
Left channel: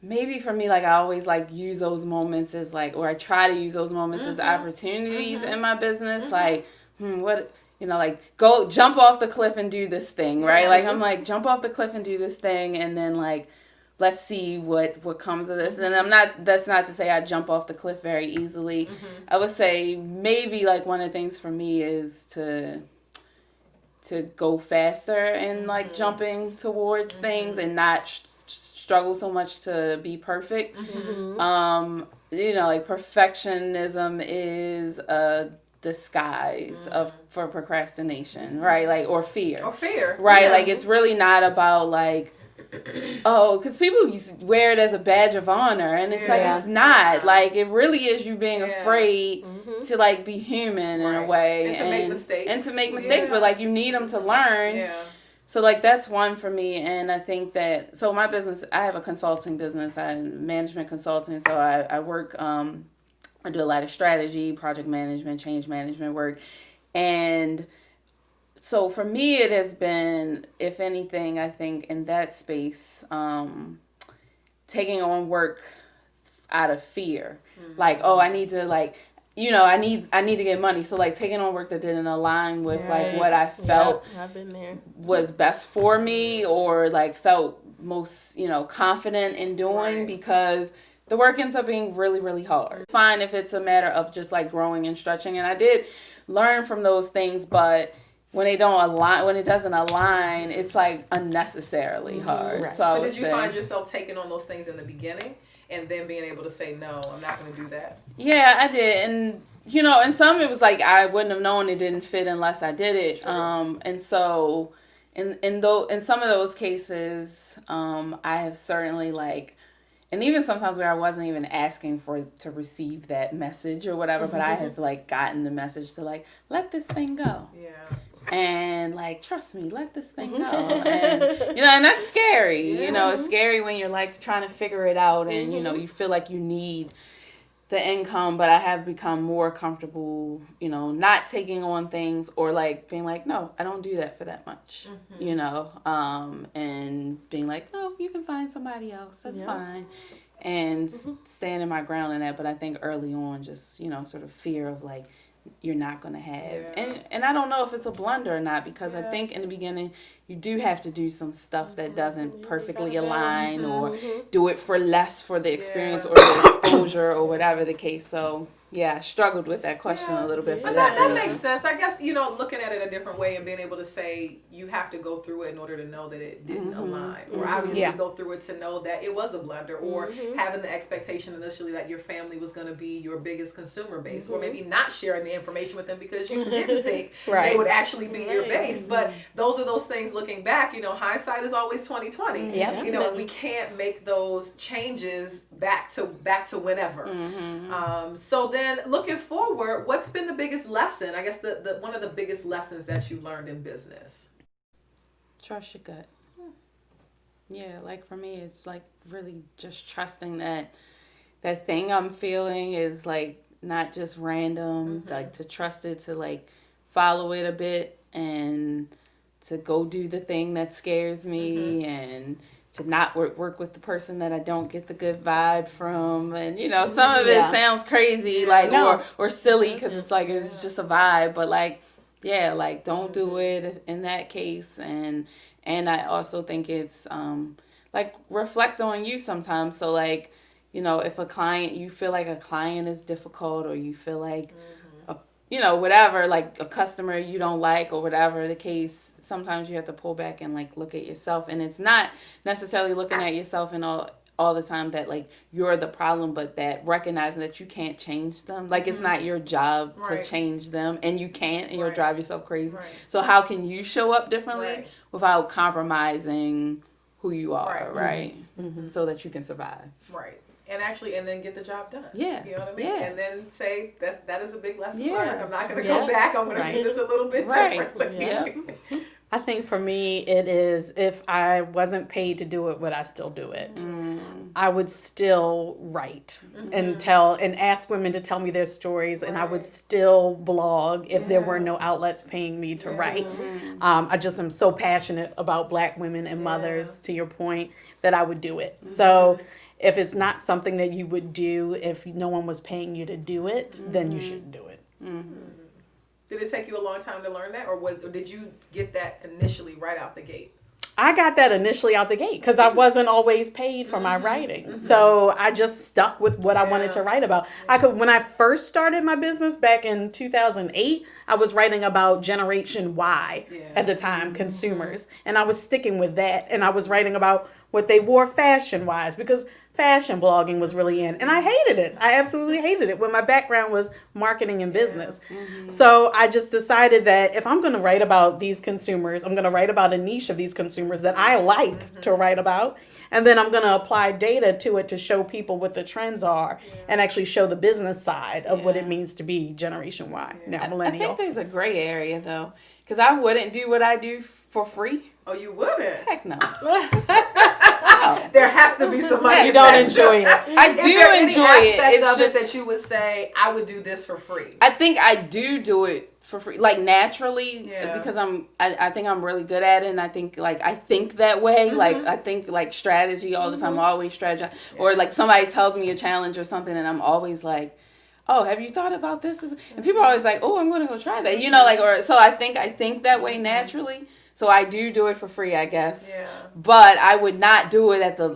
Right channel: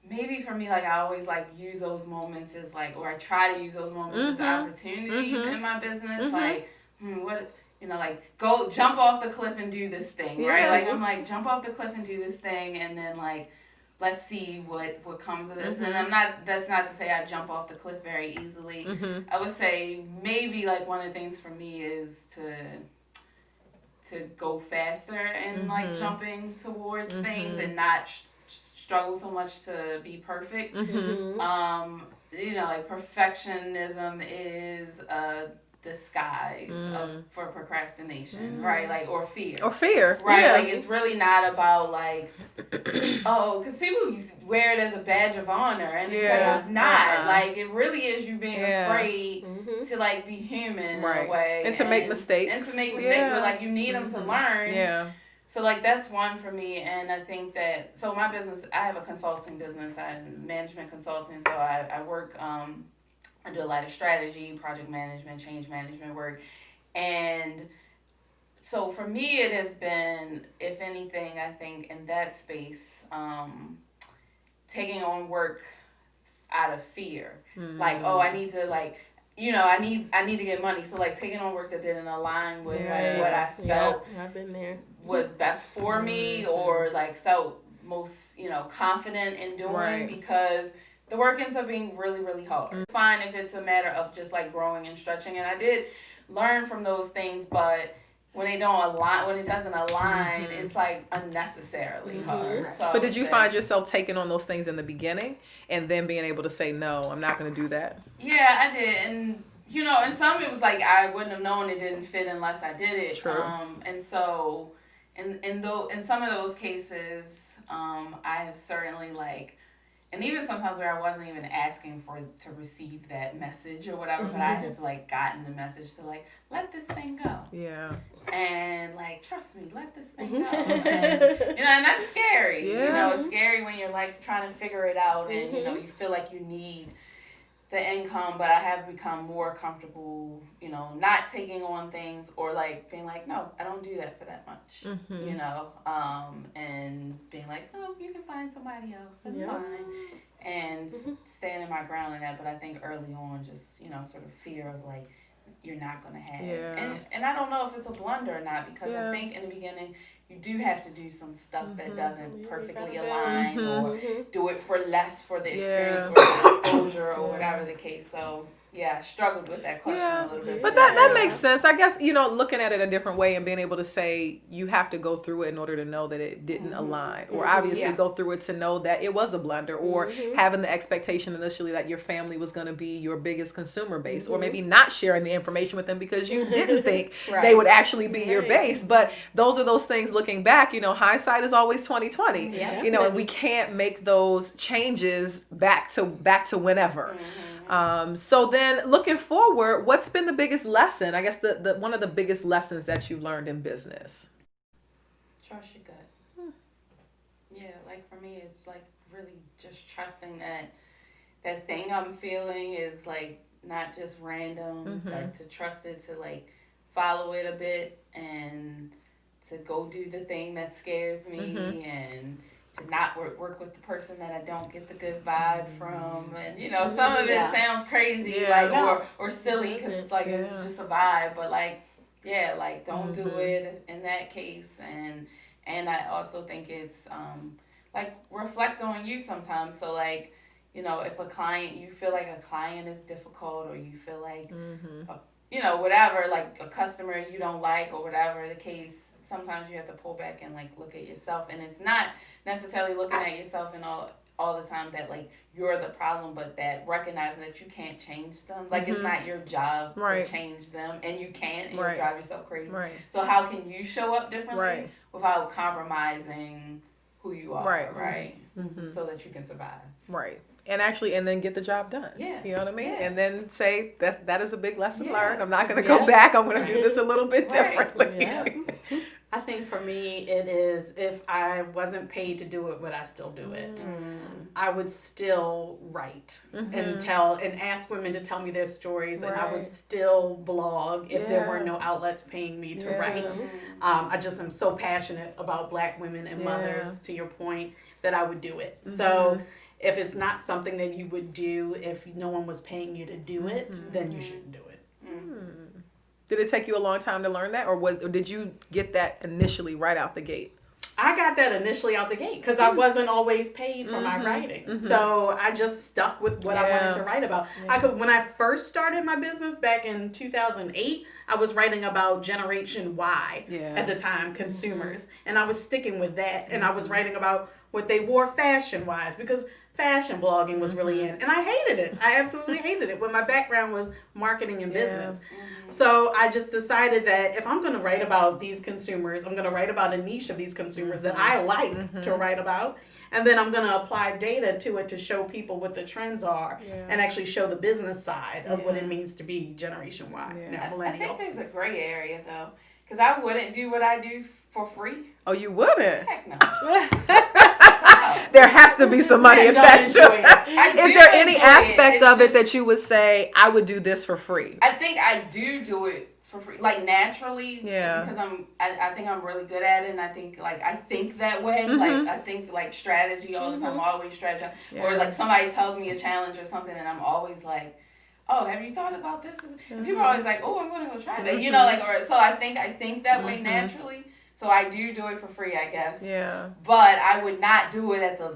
maybe for me, like, I always, like, use those moments as, like, or I try to use those moments as opportunities in my business. Like, what, you know, like, go jump off the cliff and do this thing, right? Like, I'm like, jump off the cliff and do this thing, and then, like, let's see what comes of this. And that's not to say I jump off the cliff very easily. I would say maybe, like, one of the things for me is to go faster and, like, jumping towards things and not struggle so much to be perfect. You know, like perfectionism is a disguise for procrastination, right? Like, or fear. Right? Yeah. Like, it's really not about like, oh, because people wear it as a badge of honor, and it's like, it's not. Like, it really is you being afraid to like be human in a way. And to make mistakes. But like, you need them to learn. Yeah. So, like, that's one for me, and I think that, so my business, I have a consulting business, I'm management consulting, so I work, I do a lot of strategy, project management, change management work, and so for me, it has been, if anything, I think, in that space, taking on work out of fear, like, oh, I need to, like, you know, I need to get money. So like taking on work that didn't align with like what I felt I've been there. was best for me, or like felt most, you know, confident in doing, because the work ends up being really, really hard. It's fine if it's a matter of just like growing and stretching. And I did learn from those things, but when it doesn't align, it's like unnecessarily hard. Right. So but did you find yourself taking on those things in the beginning and then being able to say, no, I'm not going to do that? Yeah, I did. And, you know, and some it was like I wouldn't have known it didn't fit unless I did it. True. And so in some of those cases, I have certainly like, and even sometimes where I wasn't even asking to receive that message or whatever, but I have like gotten the message to like, let this thing go. Yeah. And like, trust me, let this thing go. And, you know, and that's scary. Yeah. You know, it's scary when you're like trying to figure it out and, you know, you feel like you need the income, but I have become more comfortable, you know, not taking on things or like being like, no, I don't do that for that much, you know, and being like, no, you can find somebody else. That's fine. And standing my ground in that. But I think early on, just, you know, sort of fear of like, you're not going to have. Yeah. And I don't know if it's a blunder or not, because I think in the beginning, you do have to do some stuff that doesn't perfectly align or do it for less for the experience or the exposure or whatever the case. So, yeah, I struggled with that question a little bit. But that makes sense. I guess, you know, looking at it a different way and being able to say you have to go through it in order to know that it didn't align, or obviously go through it to know that it was a blunder, or having the expectation initially that your family was going to be your biggest consumer base, or maybe not sharing the information with them because you didn't think they would actually be your base. But those are those things looking back, you know, hindsight is always 20/20. You know, and we can't make those changes back to whenever. So then looking forward, what's been the biggest lesson? I guess the one of the biggest lessons that you learned in business. Trust your gut. Yeah, like for me, it's like really just trusting that thing I'm feeling is like not just random, like to trust it, to like follow it a bit and to go do the thing that scares me and to not work with the person that I don't get the good vibe from. And, you know, some of it sounds crazy, like, or silly, because it's like, it's just a vibe. But, like, yeah, like, don't do it in that case. And I also think it's, like, reflect on you sometimes. So, like, you know, if you feel like a client is difficult, or you feel like, you know, whatever, like a customer you don't like or whatever the case, sometimes you have to pull back and like look at yourself. And it's not necessarily looking at yourself and all the time that like you're the problem, but that recognizing that you can't change them. Like it's not your job to change them, and you can't, and you'll drive yourself crazy. So how can you show up differently without compromising who you are, so that you can survive. And then get the job done. Yeah. You know what I mean? And then say that is a big lesson learned. I'm not going to go back. I'm going to do this a little bit differently. I think for me, it is, if I wasn't paid to do it, would I still do it? I would still write and ask women to tell me their stories, and I would still blog if there were no outlets paying me to write. I just am so passionate about Black women and mothers, to your point, that I would do it. So if it's not something that you would do if no one was paying you to do it, then you shouldn't do it. Did it take you a long time to learn that, or did you get that initially right out the gate? I got that initially out the gate because I wasn't always paid for my writing. So I just stuck with what I wanted to write about. When I first started my business back in 2008, I was writing about Generation Y at the time, consumers. And I was sticking with that. And I was writing about what they wore fashion-wise because fashion blogging was really in. And I hated it. I absolutely hated it when my background was marketing and business. So I just decided that if I'm going to write about these consumers, I'm going to write about a niche of these consumers that I like to write about. And then I'm going to apply data to it to show people what the trends are and actually show the business side of what it means to be Generation Y, now millennial. I think there's a gray area, though, because I wouldn't do what I do for free. Oh, you wouldn't? Heck no. There has to be some money attached to it. Is there any aspect of it that you would say, I would do this for free? I think I do it for free, like naturally, because I think I'm really good at it, and I think I think that way, like I think like strategy all the time. I'm always strategize, or like somebody tells me a challenge or something, and I'm always like, oh, have you thought about this? And people are always like, oh, I'm gonna go try that, you know, like, or so I think that way naturally. So I do it for free, I guess. Yeah. But I would not do it at the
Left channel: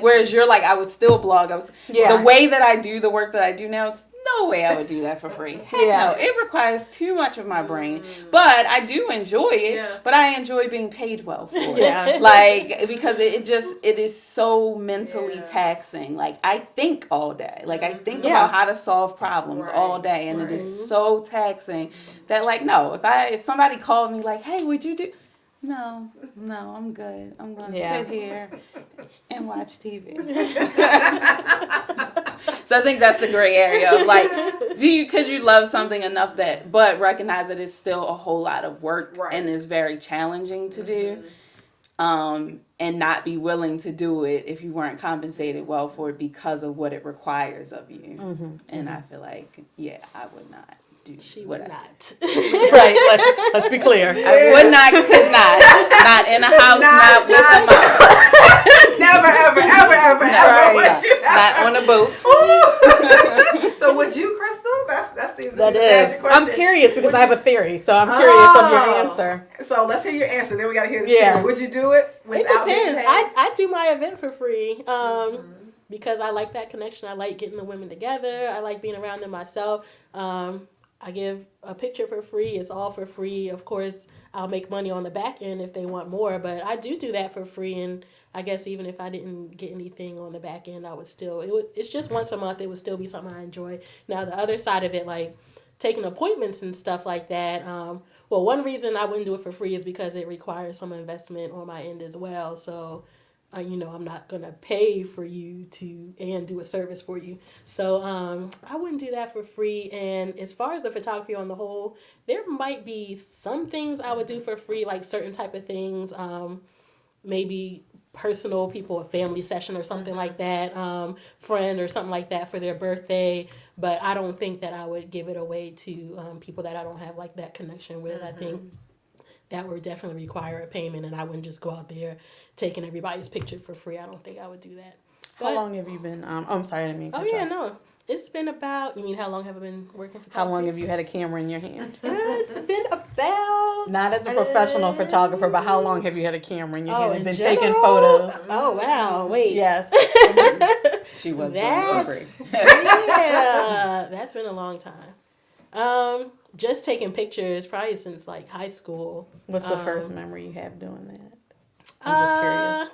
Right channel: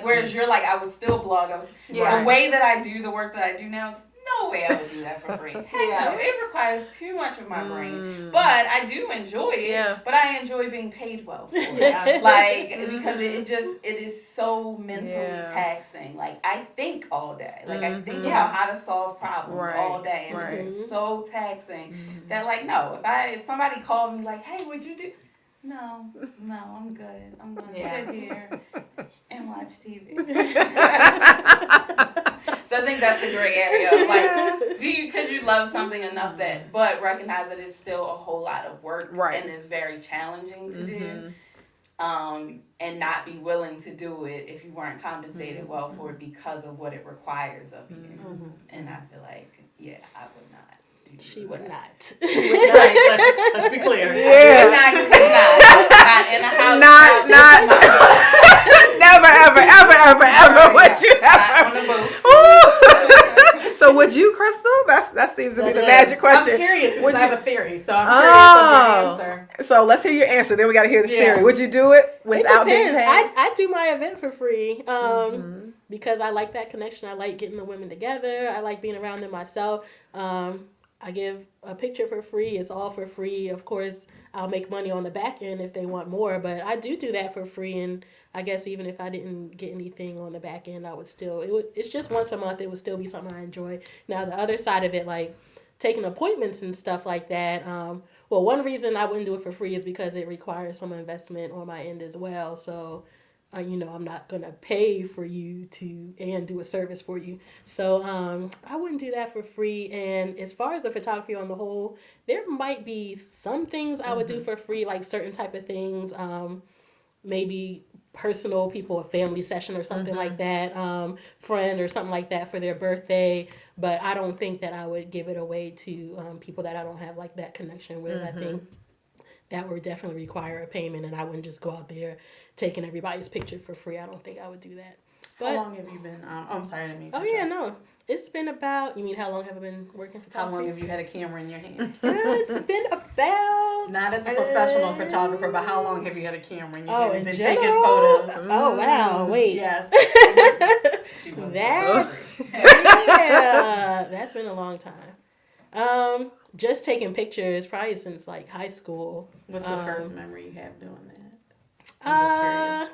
whereas you're like, I would still blog. The way that I do the work that I do now is no way I would do that for free. Heck no. It requires too much of my brain. But I do enjoy it. Yeah. But I enjoy being paid well for it. Yeah. Like, because it is so mentally taxing. Like, I think all day. Like, I think about how to solve problems all day. And it is so taxing that, like, no, if somebody called me like, hey, would you do... No, I'm good. I'm going to sit here and watch TV. So I think that's the gray area of like, could you love something enough but recognize that it's still a whole lot of work and is very challenging to do, and not be willing to do it if you weren't compensated well for it because of what it requires of you. And I feel like, I would not. She would not. Right, let's be clear. Would not, could not in a house. Not. Never would you not on a boat. So would you, Crystal? That seems to be the magic question. I'm curious because I have a theory, so I'm curious of your answer. So let's hear your answer. Then we got to hear the theory. Would you do it without being paid? I do my event for free. Because I like that connection. I like getting the women together. I like being around them myself. I give a picture for free. It's all for free. Of course, I'll make money on the back end if they want more, but I do that for free. And I guess even if I didn't get anything on the back end, I would still, it's just once a month. It would still be something I enjoy. Now, the other side of it, like taking appointments and stuff like that. One reason I wouldn't do it for free is because it requires some investment on my end as well. So, I'm not going to pay for you and do a service for you. So I wouldn't do that for free. And as far as the photography on the whole, there might be some things I would do for free, like certain type of things, maybe personal people, a family session or something like that, friend or something like that for their birthday. But I don't think that I would give it away to people that I don't have like that connection with. I think that would definitely require a payment, and I wouldn't just go out there taking everybody's picture for free. I don't think I would do that. But, how long have you been? I'm sorry, I didn't mean to. No. It's been about. You mean how long have I been working photography? How long have you had a camera in your hand? It's been about. Not as a professional photographer, but how long have you had a camera in your hand and been general? taking photos? Oh wow! Wait. Yes. She was that's been a long time. Just taking pictures probably since like high school. What's the first memory you have doing that? I'm just curious.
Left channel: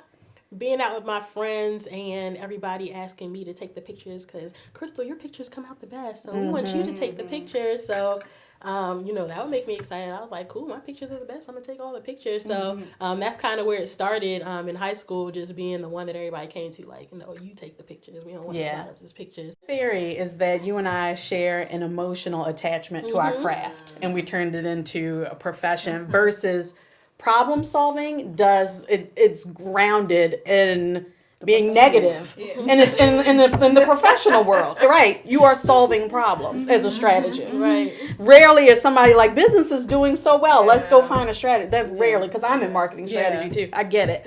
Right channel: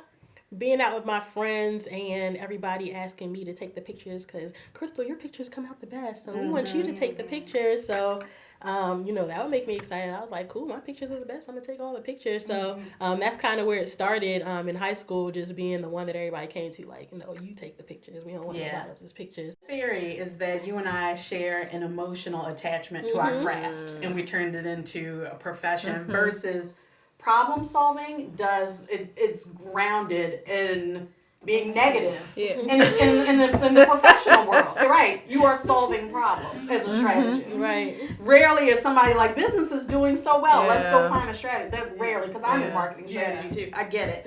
Being out with my friends and everybody asking me to take the pictures because, Crystal, your pictures come out the best. So we want you to take the pictures. So, that would make me excited. I was like, cool, my pictures are the best. I'm going to take all the pictures. So that's kind of where it started in high school, just being the one that everybody came to, like, no, you take the pictures. We don't want a lot of those pictures. The theory is that you and I share an emotional attachment to our craft, and we turned it into a profession versus... problem solving it's grounded in being negative. Yeah. And it's in the professional world, right? You are solving problems as a strategist. Right. Rarely is somebody like business is doing so well. Let's go Yeah. find a strategy. That's rarely, because I'm in marketing strategy Yeah. too. I get it.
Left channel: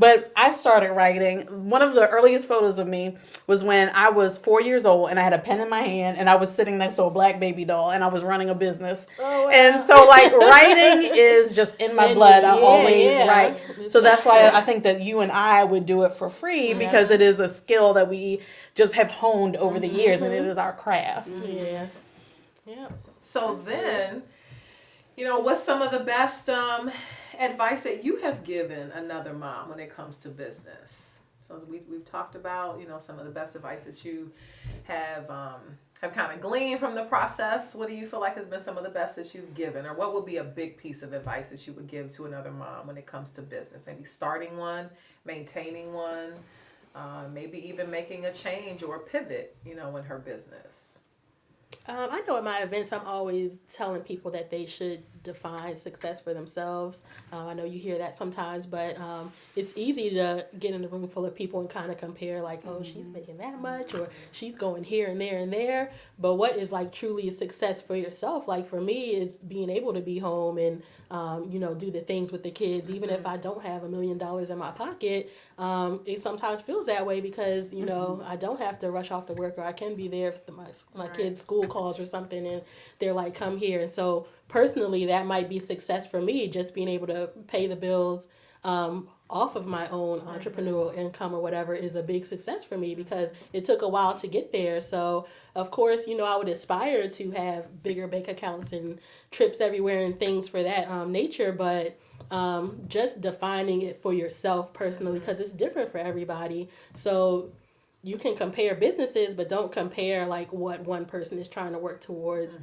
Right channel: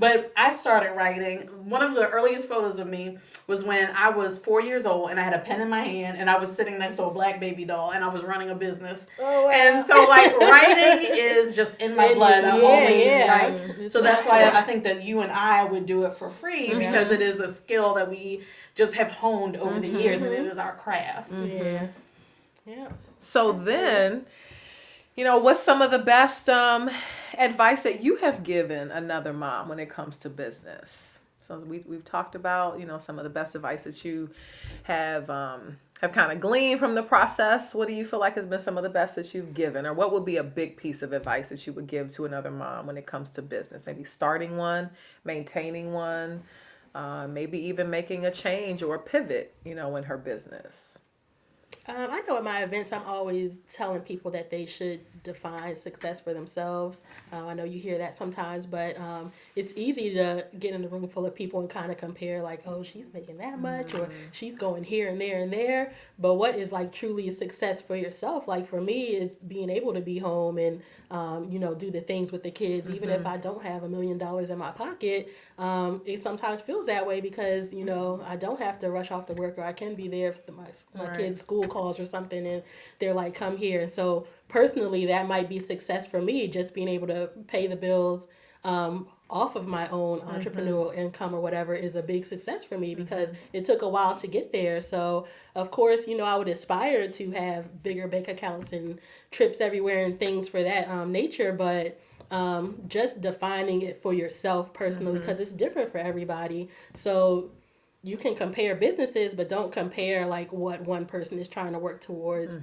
But I started writing. One of the earliest photos of me was when I was 4 years old and I had a pen in my hand and I was sitting next to a black baby doll and I was running a business. Oh, wow. And so like writing is just in my blood. I always write. So that's why I think that you and I would do it for free, because it is a skill that we just have honed over the years, and it is our craft. Yeah. Yeah. So then, what's some of the best advice that you have given another mom when it comes to business? So we've talked about, some of the best advice that you have kind of gleaned from the process. What do you feel like has been some of the best that you've given, or what would be a big piece of advice that you would give to another mom when it comes to business? Maybe starting one, maintaining one, maybe even making a change or a pivot, in her business. I know at my events, I'm always telling people that they should define success for themselves. I know you hear that sometimes, but it's easy to get in a room full of people and kind of compare, like, oh, she's making that much, or she's going here and there and there. But what is like truly a success for yourself? Like for me, it's being able to be home and, do the things with the kids. Even if I don't have $1 million in my pocket, it sometimes feels that way because, I don't have to rush off to work, or I can be there if my kids' school calls or something and they're like, come here. And so personally, that might be success for me, just being able to pay the bills off of my own entrepreneurial income or whatever is a big success for me, because it took a while to get there. So of course, I would aspire to have bigger bank accounts and trips everywhere and things for that nature, but just defining it for yourself personally, because it's different for everybody. So you can compare businesses, but don't compare like what one person is trying to work towards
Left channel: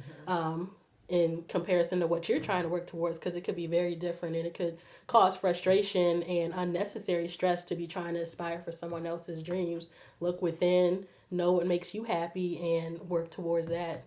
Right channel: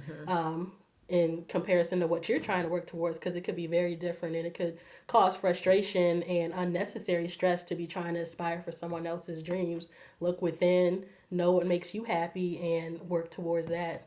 in comparison to what you're trying to work towards, because it could be very different, and it could cause frustration and unnecessary stress to be trying to aspire for someone else's dreams. Look within, know what makes you happy, and work towards that.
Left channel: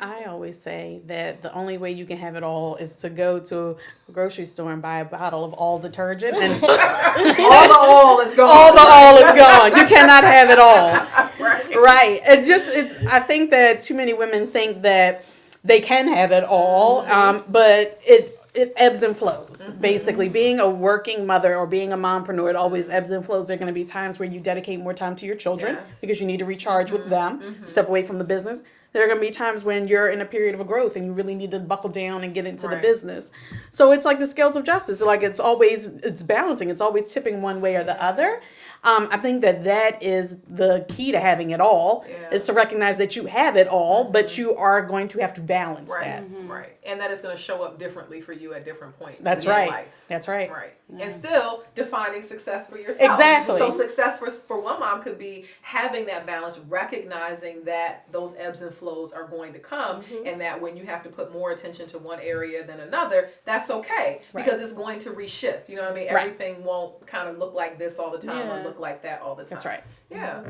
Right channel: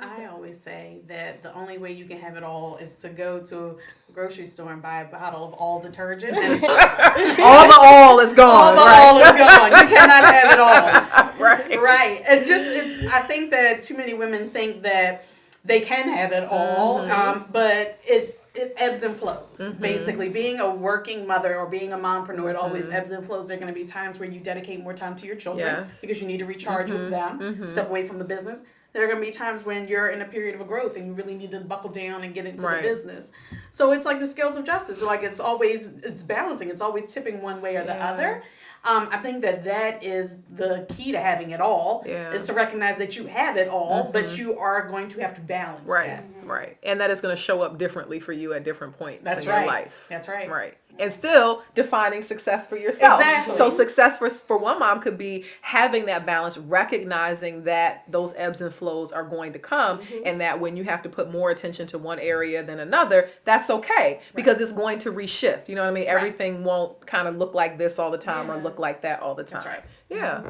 I always say that the only way you can have it all is to go to a grocery store and buy a bottle of all detergent, and all the oil is gone. All the oil is gone. You cannot have it all. Right. I think that too many women think that they can have it all, but it ebbs and flows. Basically, being a working mother or being a mompreneur, it always ebbs and flows. There are going to be times where you dedicate more time to your children because you need to recharge with them, step away from the business. There are going to be times when you're in a period of a growth and you really need to buckle down and get into the business. So it's like the scales of justice. Like it's balancing. It's always tipping one way or the other. I think that is the key to having it all, is to recognize that you have it all, but you are going to have to balance that. Right. And that is going to show up differently for you at different points in your life. That's right. Right. And still defining success for yourself. Exactly. So success for one mom could be having that balance, recognizing that those ebbs and flows are going to come, and that when you have to put more attention to one area than another, that's okay, because it's going to reshift. You know what I mean? Everything won't kind of look like this all the time or look like that all the time. That's right. Yeah.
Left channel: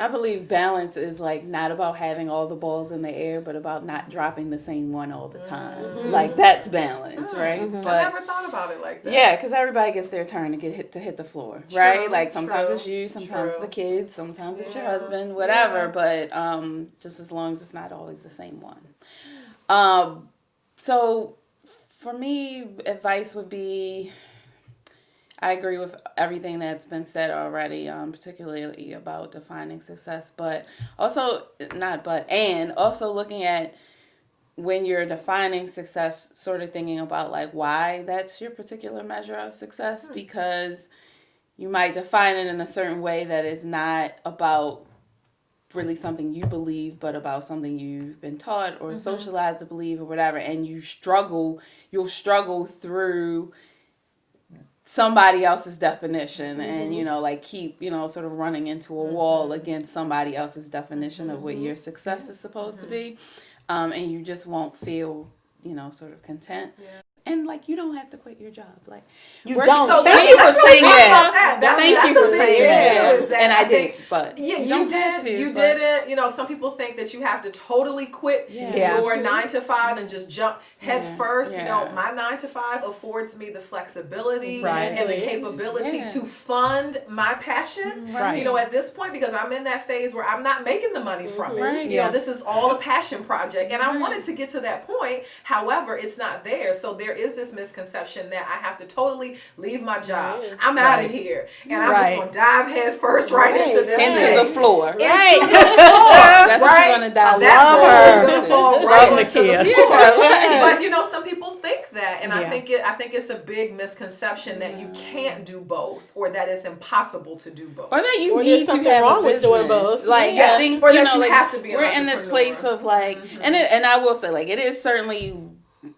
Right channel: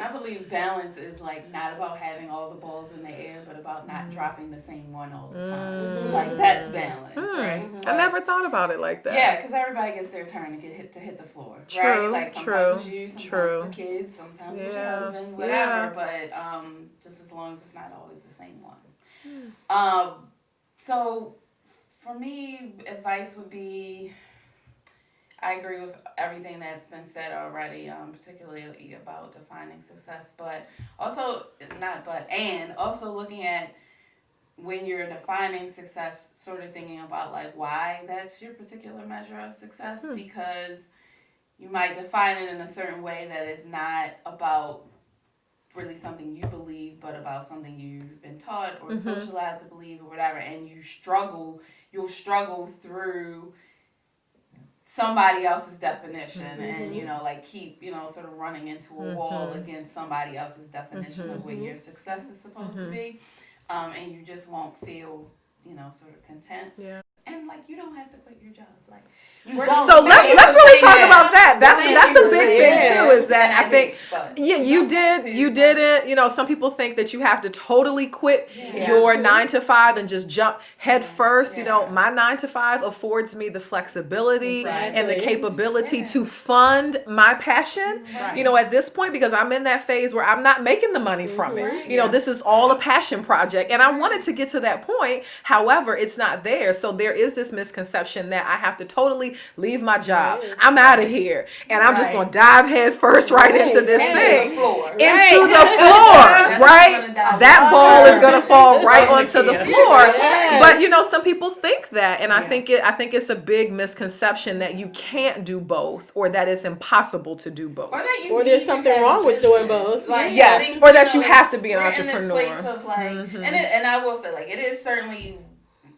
I believe balance is like not about having all the balls in the air, but about not dropping the same one all the time. Like that's balance, right? But, I never thought about it like that. Yeah, because everybody gets their turn to hit the floor, right? Like sometimes it's you, sometimes it's the kids, sometimes it's your husband, whatever. But just as long as it's not always the same one. So for me, advice would be, I agree with everything that's been said already, particularly about defining success, but also looking at when you're defining success, sort of thinking about like why that's your particular measure of success, because you might define it in a certain way that is not about really something you believe, but about something you've been taught or socialized to believe or whatever, and you'll struggle through somebody else's definition and like keep sort of running into a wall against somebody else's definition of what your success is supposed to be, and you just won't feel sort of content. And like, you don't have to quit your job. Like, You we're- don't. So let's Thank you for really saying talk that. about that. That's Thank a you for big saying thing that. too. Is that And I think but yeah, you you don't have did. to, You but- didn't. You know, some people think that you have to totally quit Yeah. your 9 to 5 and just jump head first. You know, Yeah. my 9 to 5 affords me the flexibility Right. and the capability Yeah. to fund my passion. Right. You know, at this point, because I'm in that phase where I'm not making the money from it. Right. You know, Yeah. this is all a passion project, and I wanted to get to that point. However, it's not there. So there is this misconception that I have to totally leave my job. There is. I'm out of here, and I'm just Right. gonna dive head first right Right. into this Into thing. the floor. Into the floor, That's what's right? gonna dive. That love ball her. is gonna fall right Love onto the Nakeia. floor. Yes. But you know, some people think that, and I Yeah. think it's a big misconception that you can't do both, or that it's impossible to do both. Or that you Or need there's to something have wrong a with doing business. both. Like, Yes, I think, or that you like, have to be an we're in this entrepreneur. place of like, and I will say, like, it is certainly,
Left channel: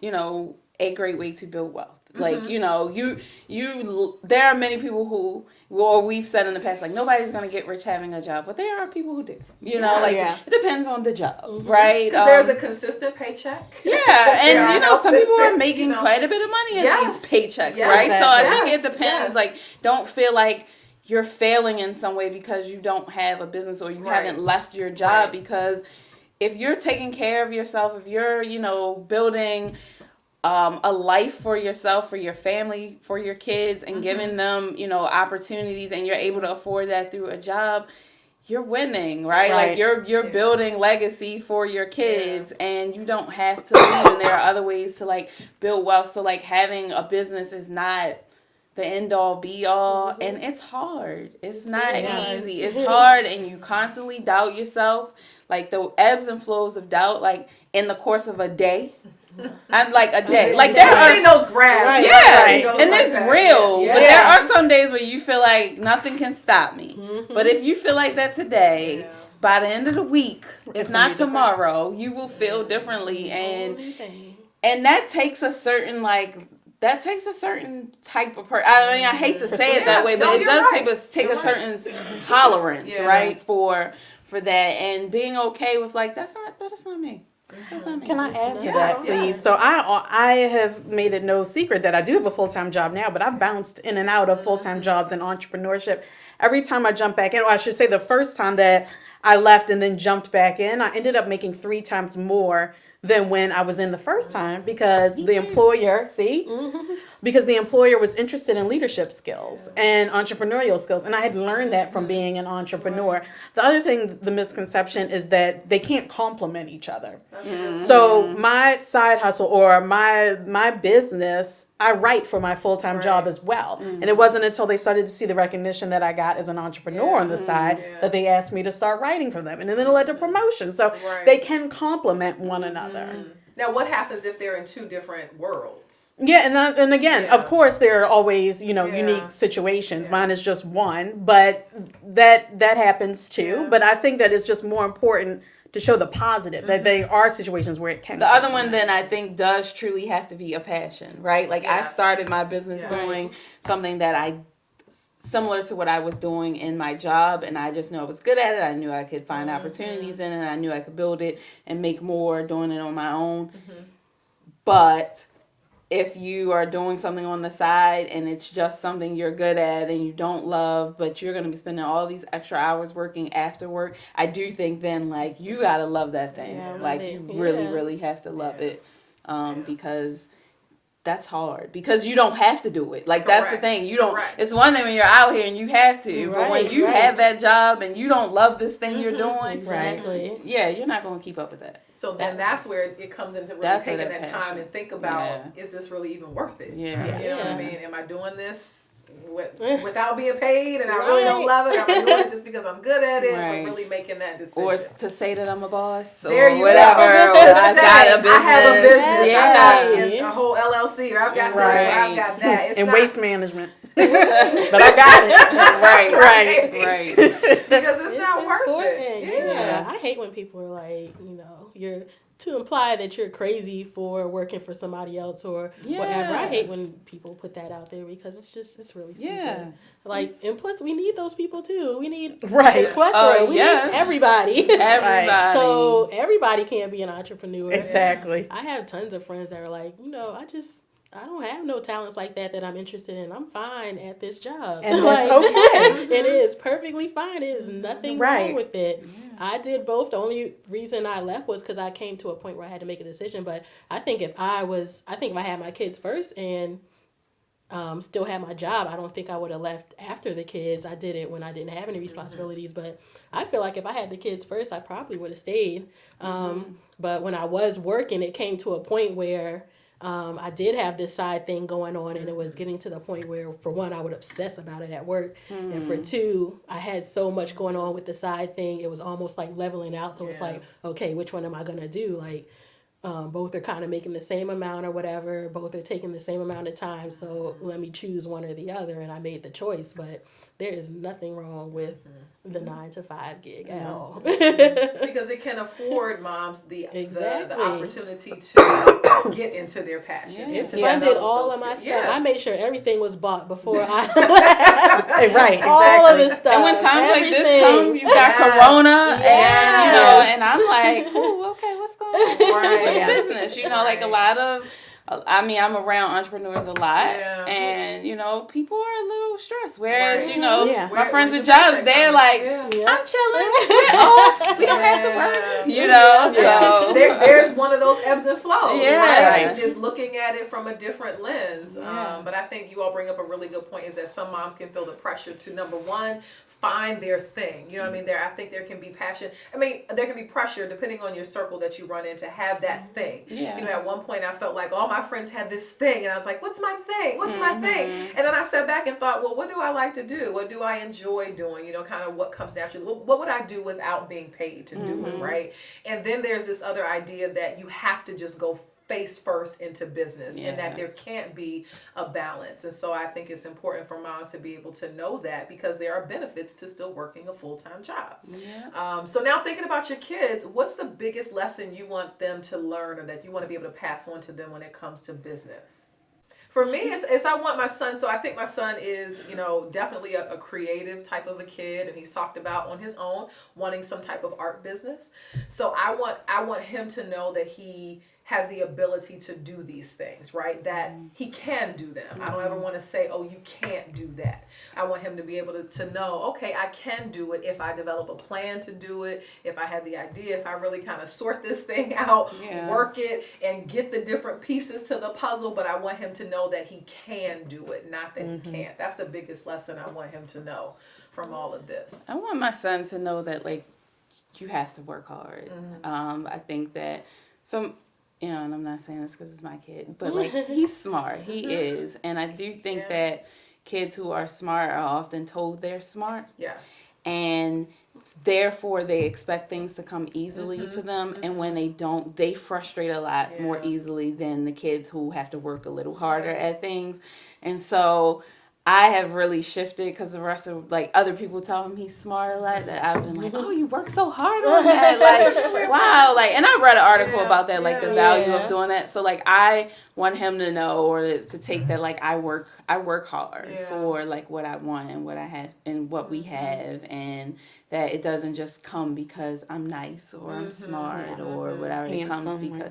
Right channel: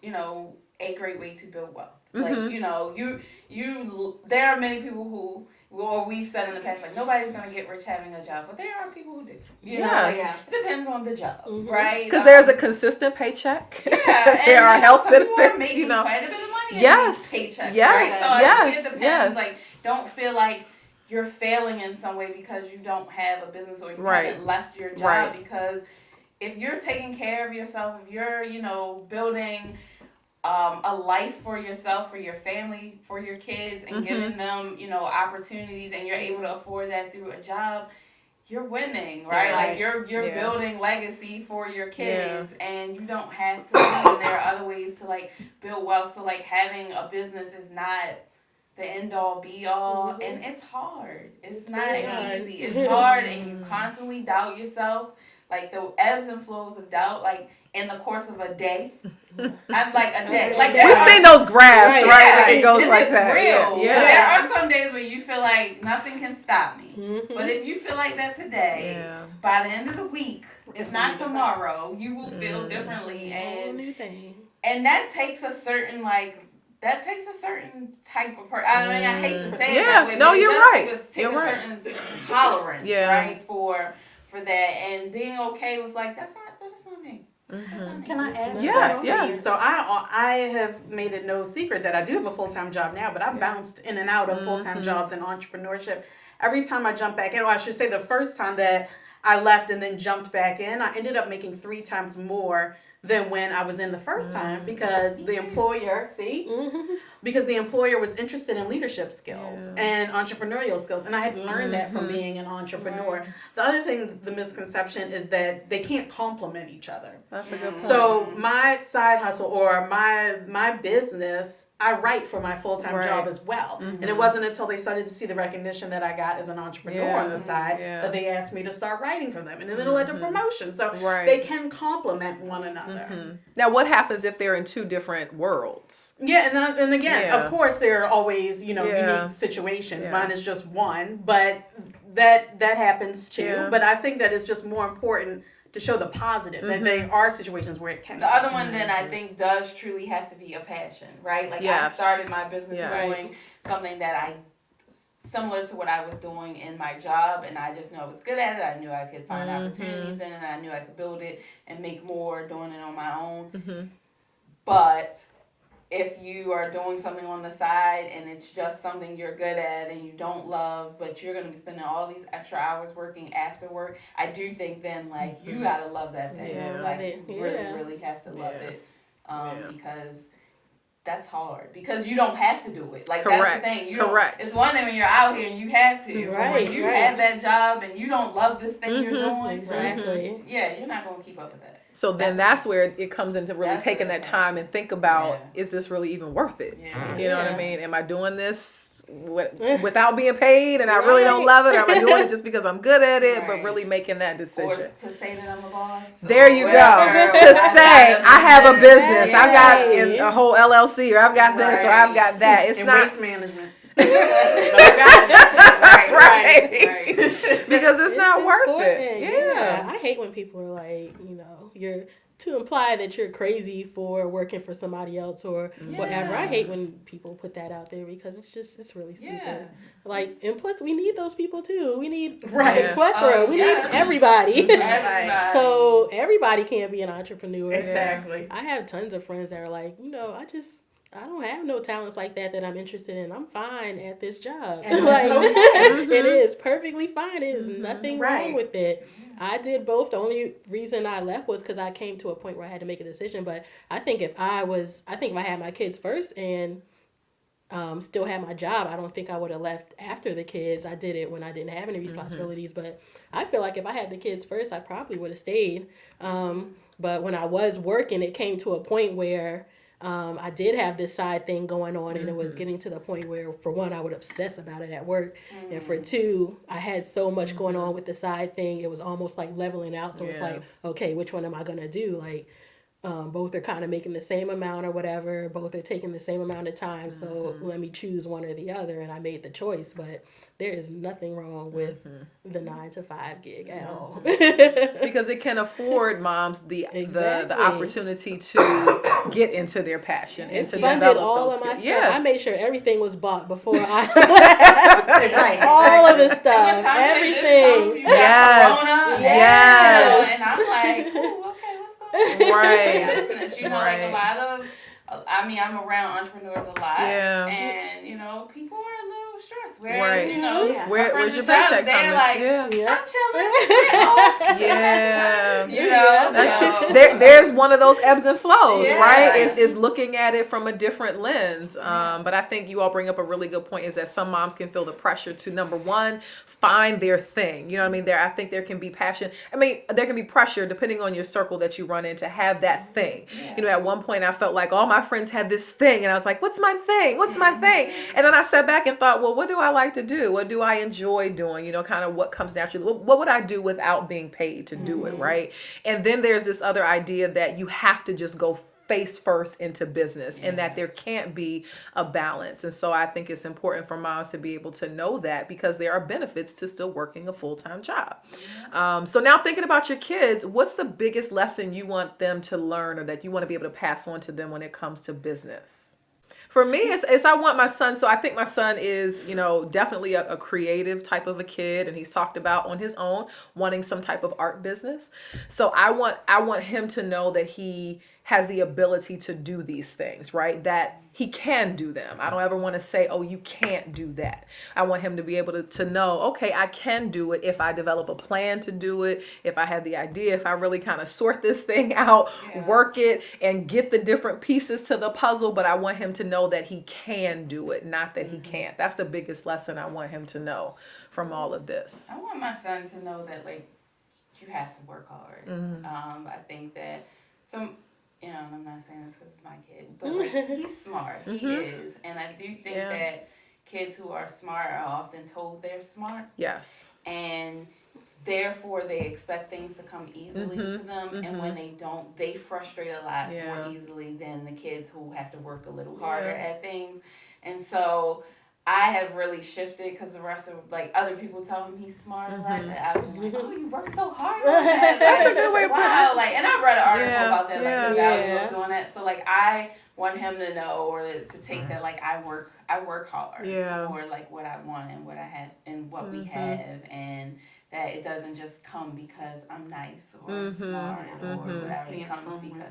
you know, a great way to build wealth. Like, you know, there are many people who, well, we've said in the past, like, nobody's gonna get rich having a job, but there are people who do. You know, Yeah, like, yeah. it depends on the job, right? Because there's a consistent paycheck. Yeah, There are and you know, health some people are benefits, making you know. quite a bit of money in Yes, these paychecks, yes, right? So I think yes, it depends. yes. Like, don't feel like you're failing in some way because you don't have a business or you Right. haven't left your job. Right. Because if you're taking care of yourself, if you're, you know, building a life for yourself, for your family, for your kids, and giving them, you know, opportunities, and you're able to afford that through a job, you're winning, right? Right. Like you're Yeah. building legacy for your kids, and you don't have to leave. And there are other ways to like build wealth. So like having a business is not the end all be all, and it's hard. It's not really hard. easy. It's hard, and you constantly doubt yourself. Like the ebbs and flows of doubt, like in the course of a day. I'm like a day. Like there We've are seen those graphs, Right. right? yeah, It goes and like it's that. real. Yeah. But there Yeah. are some days where you feel like nothing can stop me. But if you feel like that today, Yeah. by the end of the week, if gonna not be different. tomorrow, you will feel differently, Whole and new thing. that takes a certain type of person. I mean, I hate to say it Yeah. that way, but No, it you're does right. take You're a right. certain tolerance, Yeah. right, for that, and being okay with like that's not me. That's not me. Can I add to Yes, that, yes. please? So I have made it no secret that I do have a full-time job now, but I've bounced in and out of full-time jobs and entrepreneurship. Every time I jump back in, or I should say the first time that I left and then jumped back in, I ended up making 3 times more than when I was in the first time because the employer, because the employer was interested in leadership skills and entrepreneurial skills. And I had learned that from being an entrepreneur. The other thing, the misconception is that they can't complement each other. That's a good point. So my side hustle or my business, I write for my full-time job as well. And it wasn't until they started to see the recognition that I got as an entrepreneur on the side that they asked me to start writing for them. And then it led to promotion. So Right. they can complement one another. Now, what happens if they're in 2 different worlds? Yeah, and again, Yeah. of course, there are always Yeah. unique situations. Yeah. Mine is just one, but that happens too. Yeah. But I think that it's just more important to show the positive that there are situations where it can. The other one then I think does truly have to be a passion, right? Like I Yes. started my business Yeah. doing something that similar to what I was doing in my job, and I just knew I was good at it. I knew I could find opportunities in it, and I knew I could build it and make more doing it on my own. But if you are doing something on the side and it's just something you're good at and you don't love, but you're going to be spending all these extra hours working after work, I do think then like you got to love that thing. Yeah, like love it. you really, Yeah. really have to love Yeah. it because that's hard because you don't have to do it. Like that's the Correct. thing. You don't. Correct. It's one thing when you're out here and you have to, but when Right, you right. have that job and you don't love this thing you're doing, Exactly. yeah, you're not going to keep up with that. So then that's where it comes into really That's where taking that that time passion. and think about, Yeah. is this really even worth it? Yeah. You know what I Yeah. mean? Am I doing this without being paid and I really don't Right. love it? Or am I doing it just because I'm good at it, but Right. really making that Or decision? to say that I'm a boss. There you go. whatever, To or say, got I have a business. Yeah. I've got a whole LLC, or I've got this, or Right. I've got that. It's and not waste management. But I got it. Right. because it's not worth important. it. Yeah. I hate when people are like, you're to imply that you're crazy for working for somebody else or whatever. I hate when people put that out there because it's really stupid. Yeah. Like, and plus we need those people too. We need Right. a plethora. Oh, we yes. need everybody. Everybody. So everybody can't be an entrepreneur. Exactly. I have tons of friends that are like, I just I don't have no talents like that I'm interested in. I'm fine at this job. And that's okay. It is perfectly fine. It is nothing wrong with it. I did both. The only reason I left was because I came to a point where I had to make a decision. But I think if I had my kids first and still had my job, I don't think I would have left after the kids. I did it when I didn't have any responsibilities. But I feel like if I had the kids first, I probably would have stayed. But when I was working, it came to a point where I did have this side thing going on, and it was getting to the point where, for one, I would obsess about it at work, and for two, I had so much going on with the side thing, it was almost like leveling out. So it's like, okay, which one am I gonna do? Like, both are kind of making the same amount or whatever. Both are taking the same amount of time. So let me choose one or the other, and I made the choice. But there is nothing wrong with the 9-to-5 gig at all. Because it can afford moms the opportunity to get into their passion. It funded all of my stuff. Yeah. I made sure everything was bought before I right, all of the stuff. And when times like this come, you got Corona, and I'm like, ooh, okay, what's going on? Right. Business, like a lot of. I mean, I'm around entrepreneurs a lot, and people are a little stressed. Whereas, my friends with jobs, they're like, I'm chilling, get off, so there's one of those ebbs and flows, right? It's looking at it from a different lens. But I think you all bring up a really good point: is that some moms can feel the pressure to, number one, find their thing. You know what I mean? I think there can be passion. I mean, there can be pressure depending on your circle that you run in to have that thing. Yeah. At one point I felt like all my friends had this thing, and I was like, what's my thing? What's my thing? And then I sat back and thought, well, what do I like to do? What do I enjoy doing? Kind of what comes naturally. What would I do without being paid to do it, right? And then there's this other idea that you have to just go face first into business, and that there can't be a balance. And so I think it's important for moms to be able to know that, because there are benefits to still working a full-time job. So now, thinking about your kids, what's the biggest lesson you want them to learn, or that you want to be able to pass on to them when it comes to business? For me, it's I want my son. So I think my son is, definitely a creative type of a kid, and he's talked about on his own wanting some type of art business. So I want him to know that he has the ability to do these things, right? That he can do them. I don't ever want to say, oh, you can't do that. I want him to be able to know, okay, I can do it if I develop a plan to do it, if I have the idea, if I really kind of sort this thing out, work it, and get the different pieces to the puzzle. But I want him to know that he can do it, not that he can't. That's the biggest lesson I want him to know from all of this. I want my son to know that, you have to work hard. I think that and I'm not saying this because it's my kid, but he's smart. He is. And I do think that kids who are smart are often told they're smart. Yes. And therefore they expect things to come easily to them. And when they don't, they frustrate a lot more easily than the kids who have to work a little harder at things. And so I have really shifted, because the rest of other people tell him he's smart a lot. That I've been like, oh, you work so hard on that. Wow. And I read an article about that, the value of doing that. So I want him to know, or to take that, I work hard for what I want and what I have and what we have, and that it doesn't just come because I'm nice or I'm smart or whatever. It comes because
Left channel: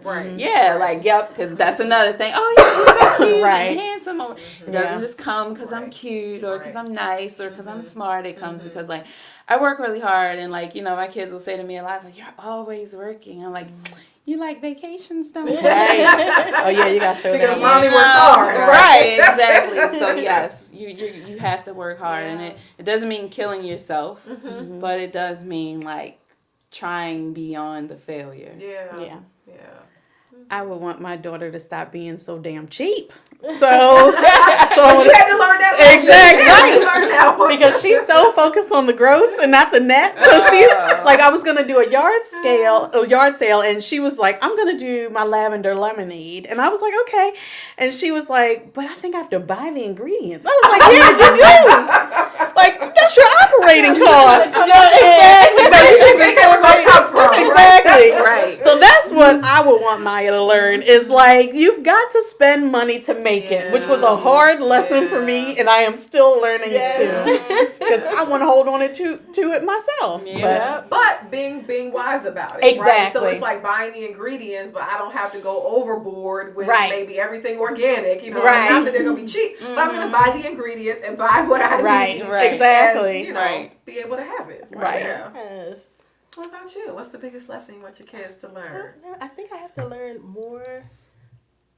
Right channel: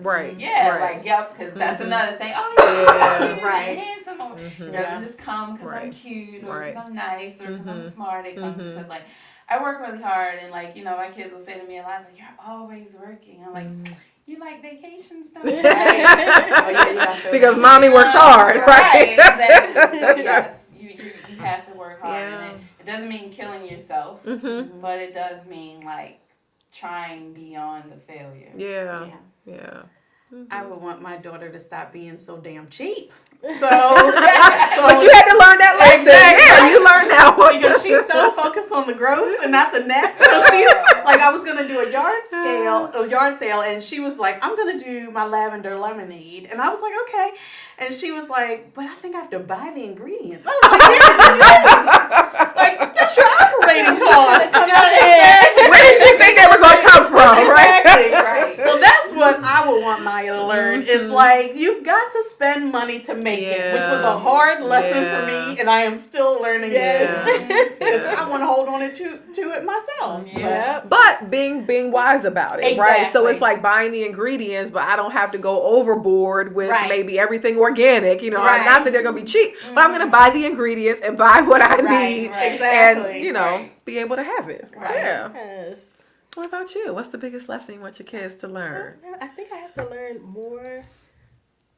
because that's another thing. Oh, yeah, so cute and handsome. Or it doesn't just come because I'm cute or because I'm nice or because I'm smart. It comes because I work really hard, and my kids will say to me a lot, you're always working. I'm like, you like vacations, don't you? Right. Oh yeah, you got to. Because mommy works hard, right? Exactly. So yes, you have to work hard, and it doesn't mean killing yourself, but it does mean trying beyond the failure. Yeah. I would want my daughter to stop being so damn cheap. So but you had to learn that lesson. Exactly. Yeah, you learned that one. Because she's so focused on the gross and not the net. So she's I was gonna do a yard sale, and she was like, I'm gonna do my lavender lemonade, and I was like, okay, and she was like, but I think I have to buy the ingredients. I was like, yeah, you do. That's your operating cost. Where did you think they were gonna come from? Exactly. Right. So that's what I would want Maya to learn. Is like, you've got to spend money to make it, which was a hard lesson for me, and I am still learning it too. Because I want to hold on to it myself. But being wise about it. Exactly. Right? So it's like buying the ingredients, but I don't have to go overboard with maybe everything organic. You know, not that they're going to be cheap, but I'm going to buy the ingredients and buy what I need. Exactly. And, be able to have it. Yeah. Yes. What about you? What's the biggest lesson you want your kids to learn? I think I have to learn more.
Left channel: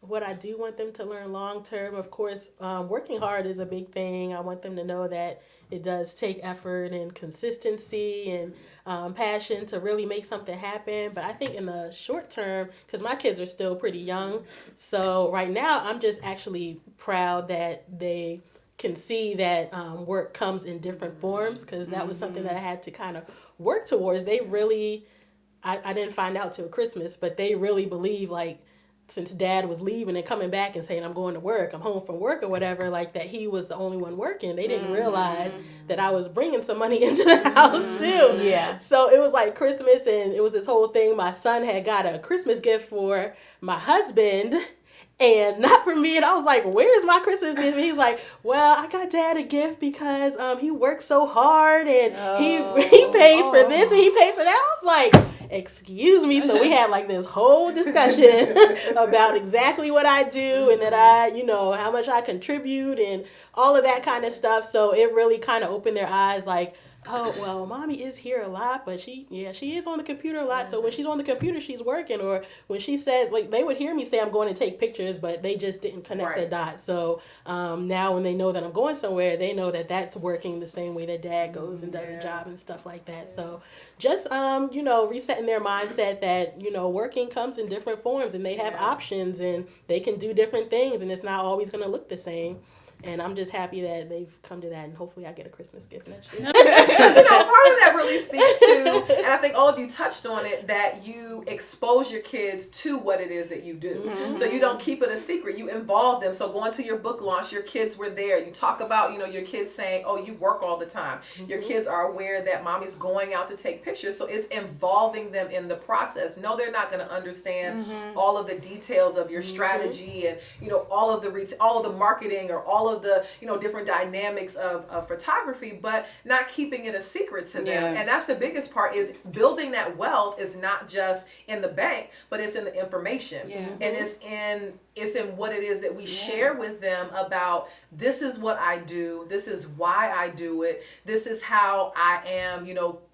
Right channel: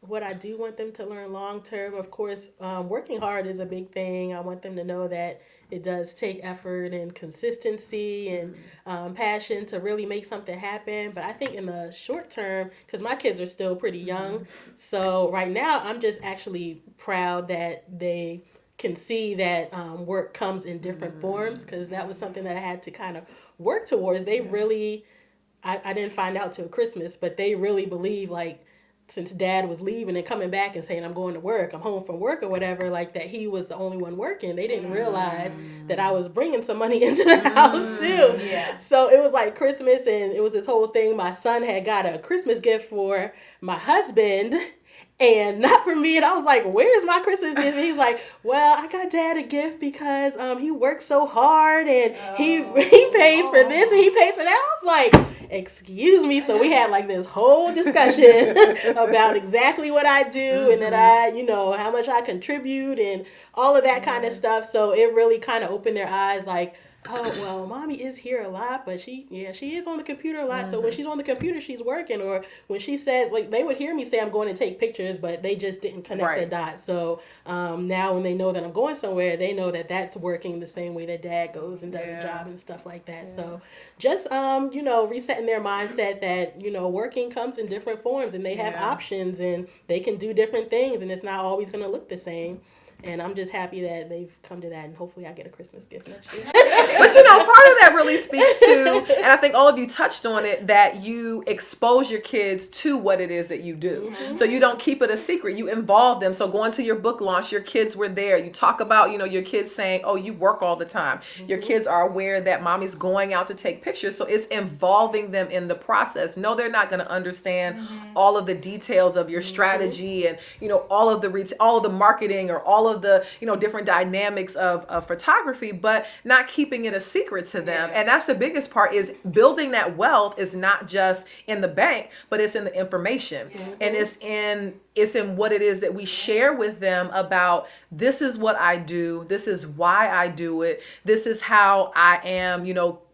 What I do want them to learn long term, of course, working hard is a big thing. I want them to know that it does take effort and consistency and passion to really make something happen. But I think in the short term, because my kids are still pretty young, so right now I'm just actually proud that they can see that work comes in different forms, because that was something that I had to kind of work towards. They really, I didn't find out till Christmas, but they really believe, like, since Dad was leaving and coming back and saying, I'm going to work, I'm home from work or whatever, like that he was the only one working. They didn't realize that I was bringing some money into the house too. Yeah. So it was like Christmas, and it was this whole thing. My son had got a Christmas gift for my husband and not for me. And I was like, where's my Christmas gift? And he's like, well, I got Dad a gift because he works so hard, and he pays for this and he pays for that. I was like, excuse me. So we had like this whole discussion about exactly what I do and that I, how much I contribute and all of that kind of stuff. So it really kind of opened their eyes, like, oh, well, Mommy is here a lot, but she is on the computer a lot. So when she's on the computer, she's working. Or when she says, like, they would hear me say I'm going to take pictures, but they just didn't connect the dots. So now when they know that I'm going somewhere, they know that that's working the same way that Dad goes and does a job and stuff like that. Yeah. So just, resetting their mindset that, working comes in different forms, and they have options, and they can do different things, and it's not always going to look the same. And I'm just happy that they've come to that, and hopefully I get a Christmas gift next year. But part of that really speaks to, and I think all of you touched on it, that you expose your kids to what it is that you do. Mm-hmm. So you don't keep it a secret. You involve them. So going to your book launch, your kids were there. You talk about, your kids saying, oh, you work all the time. Mm-hmm. Your kids are aware that Mommy's going out to take pictures. So it's involving them in the process. No, they're not going to understand all of the details of your strategy and, all of the marketing or all of the different dynamics of photography, but not keeping it a secret to them. And that's the biggest part, is building that wealth is not just in the bank, but it's in the information. And it's in what it is that we share with them about, this is what I do, this is why I do it, this is how I am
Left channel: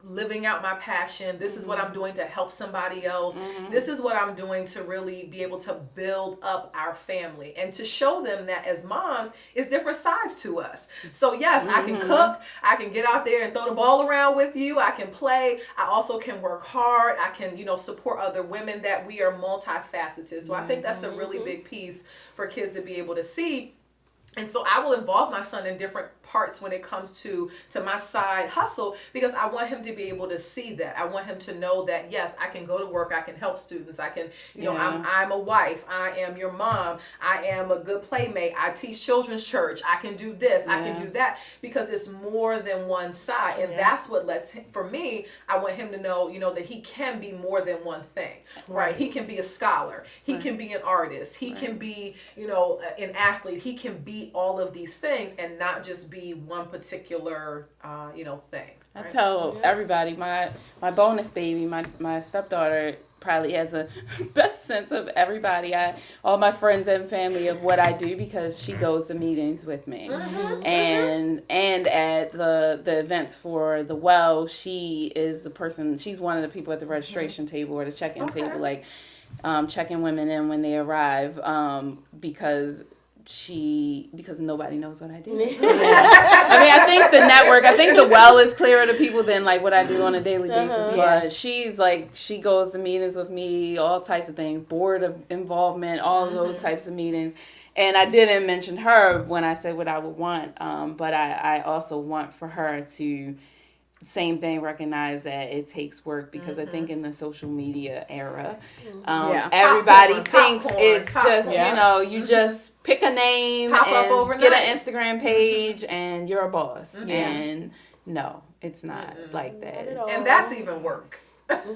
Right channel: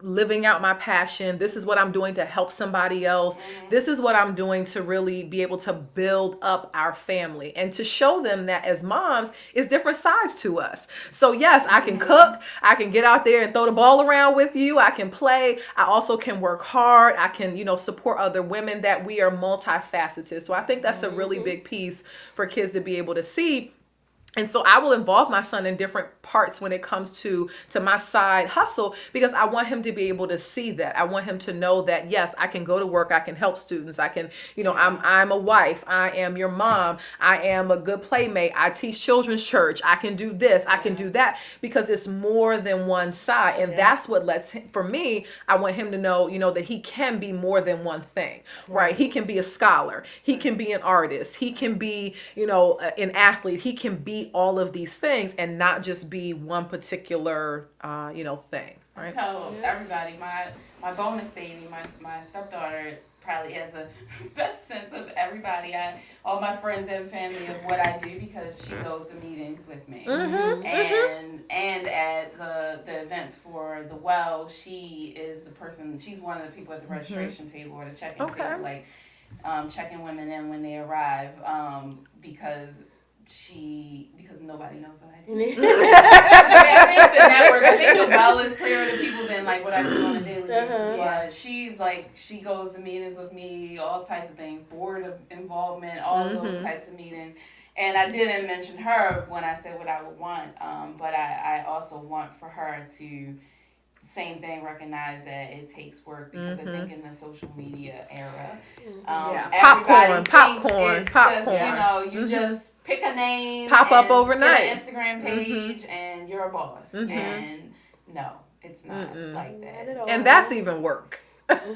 living out my passion, this is what I'm doing to help somebody else, this is what I'm doing to really be able to build up our family, and to show them that as moms, it's different sides to us. So yes, I can cook, I can get out there and throw the ball around with you, I can play, I also can work hard, I can support other women, that we are multifaceted. So I think that's a really big piece for kids to be able to see. And so I will involve my son in different parts when it comes to my side hustle, because I want him to be able to see that. I want him to know that, yes, I can go to work, I can help students, I can, I'm a wife, I am your mom, I am a good playmate, I teach children's church, I can do this, I can do that, because it's more than one side. And that's what lets him, for me, I want him to know, that he can be more than one thing, right? He can be a scholar, he can be an artist, he can be, an athlete, he can be all of these things, and not just be one particular thing. Right? I tell everybody, my bonus baby, my stepdaughter probably has a best sense of everybody, all my friends and family, of what I do, because she goes to meetings with me. And at the events for the well, she is the person, she's one of the people at the registration table or the check-in table, like checking women in when they arrive, because nobody knows what I do. I think the network, I think the well is clearer to people than like what I do on a daily basis. But she's like, she goes to meetings with me, all types of things, board of involvement, all of those types of meetings. And I didn't mention her when I said what I would want, but I also want for her to, same thing, recognize that it takes work, because I think in the social media era, everybody thinks it's just, you just pick a name, pop up overnight, get an Instagram page, and you're a boss. And no, it's not like that. And that's even work.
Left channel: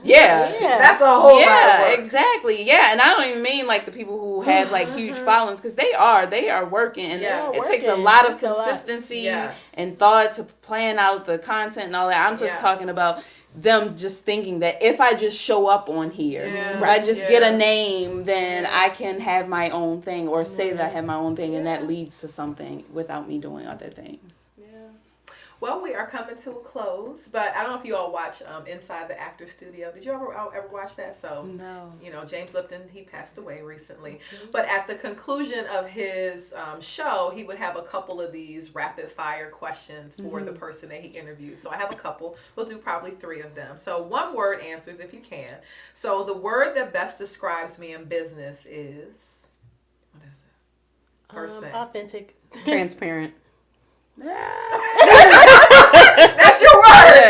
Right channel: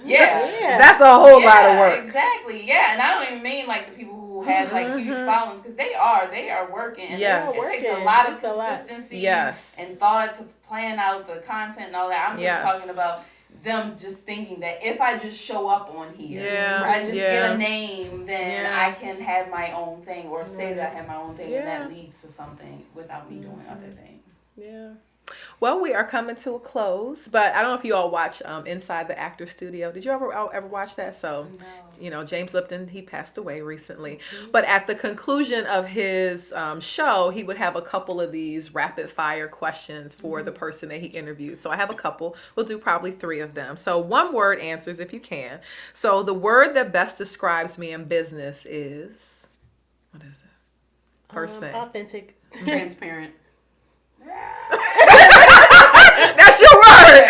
Yeah. That's a whole lot of work. Exactly. Yeah, and I don't even mean like the people who have like huge followings, because they are working. And Yes. it takes a lot of It's a lot. consistency Yes. and thought to plan out the content and all that. I'm just Yes. talking about them just thinking that if I just show up on here, Yeah. I just Yeah. get a name, then Yeah. I can have my own thing, or say that I have my own thing, and Yeah. that leads to something without me doing other things. Yeah. Well, we are coming to a close, but I don't know if you all watch Inside the Actor Studio. Did you ever watch that? So, James Lipton, he passed away recently. But at the conclusion of his show, he would have a couple of these rapid fire questions for the person that he interviews. So I have a couple. We'll do probably 3 of them. So 1 word answers if you can. So the word that best describes me in business is, what is it? First thing. Authentic. Transparent. That's your word.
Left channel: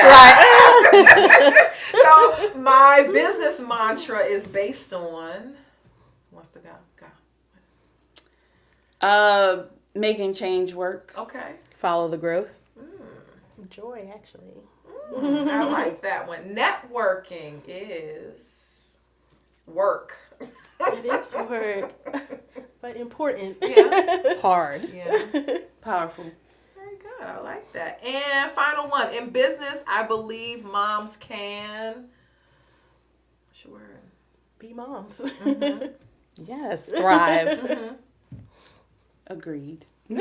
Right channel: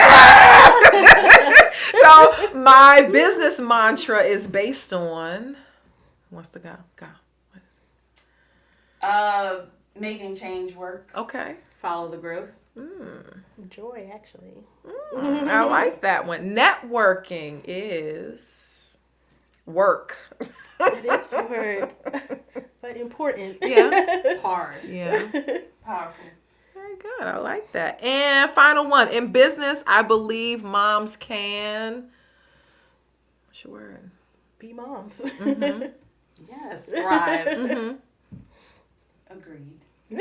Right? So my business mantra is based on, who wants to go? Making change work. Okay. Follow the growth. Joy, actually. I like that one. Networking is work. It is work, but important. Yeah. Hard. Yeah. Powerful. Very good. I like that. And final one. In business, I believe moms can. What's your word? Be moms. Yes. Thrive. Agreed. Do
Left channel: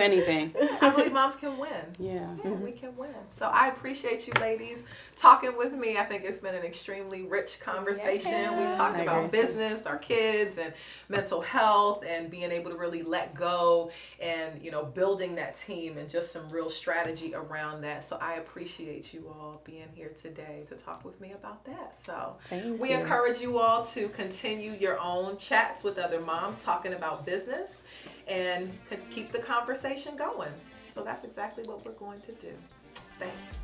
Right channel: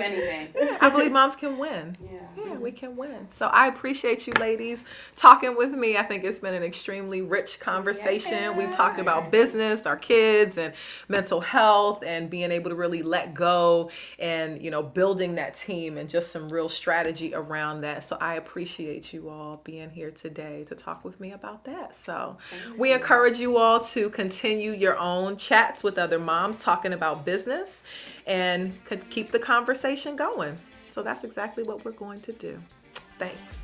anything. I believe moms can win. Yeah. Yeah, we can win. So I appreciate you ladies talking with me. I think it's been an extremely rich conversation. We've talked about business, our kids, and mental health, and being able to really let go, and building that team, and just some real strategy around that. So I appreciate you all being here today to talk with me about that. So we encourage you all to continue your own chats with other moms talking about business, and could keep the conversation going. So that's exactly what we're going to do. Thanks.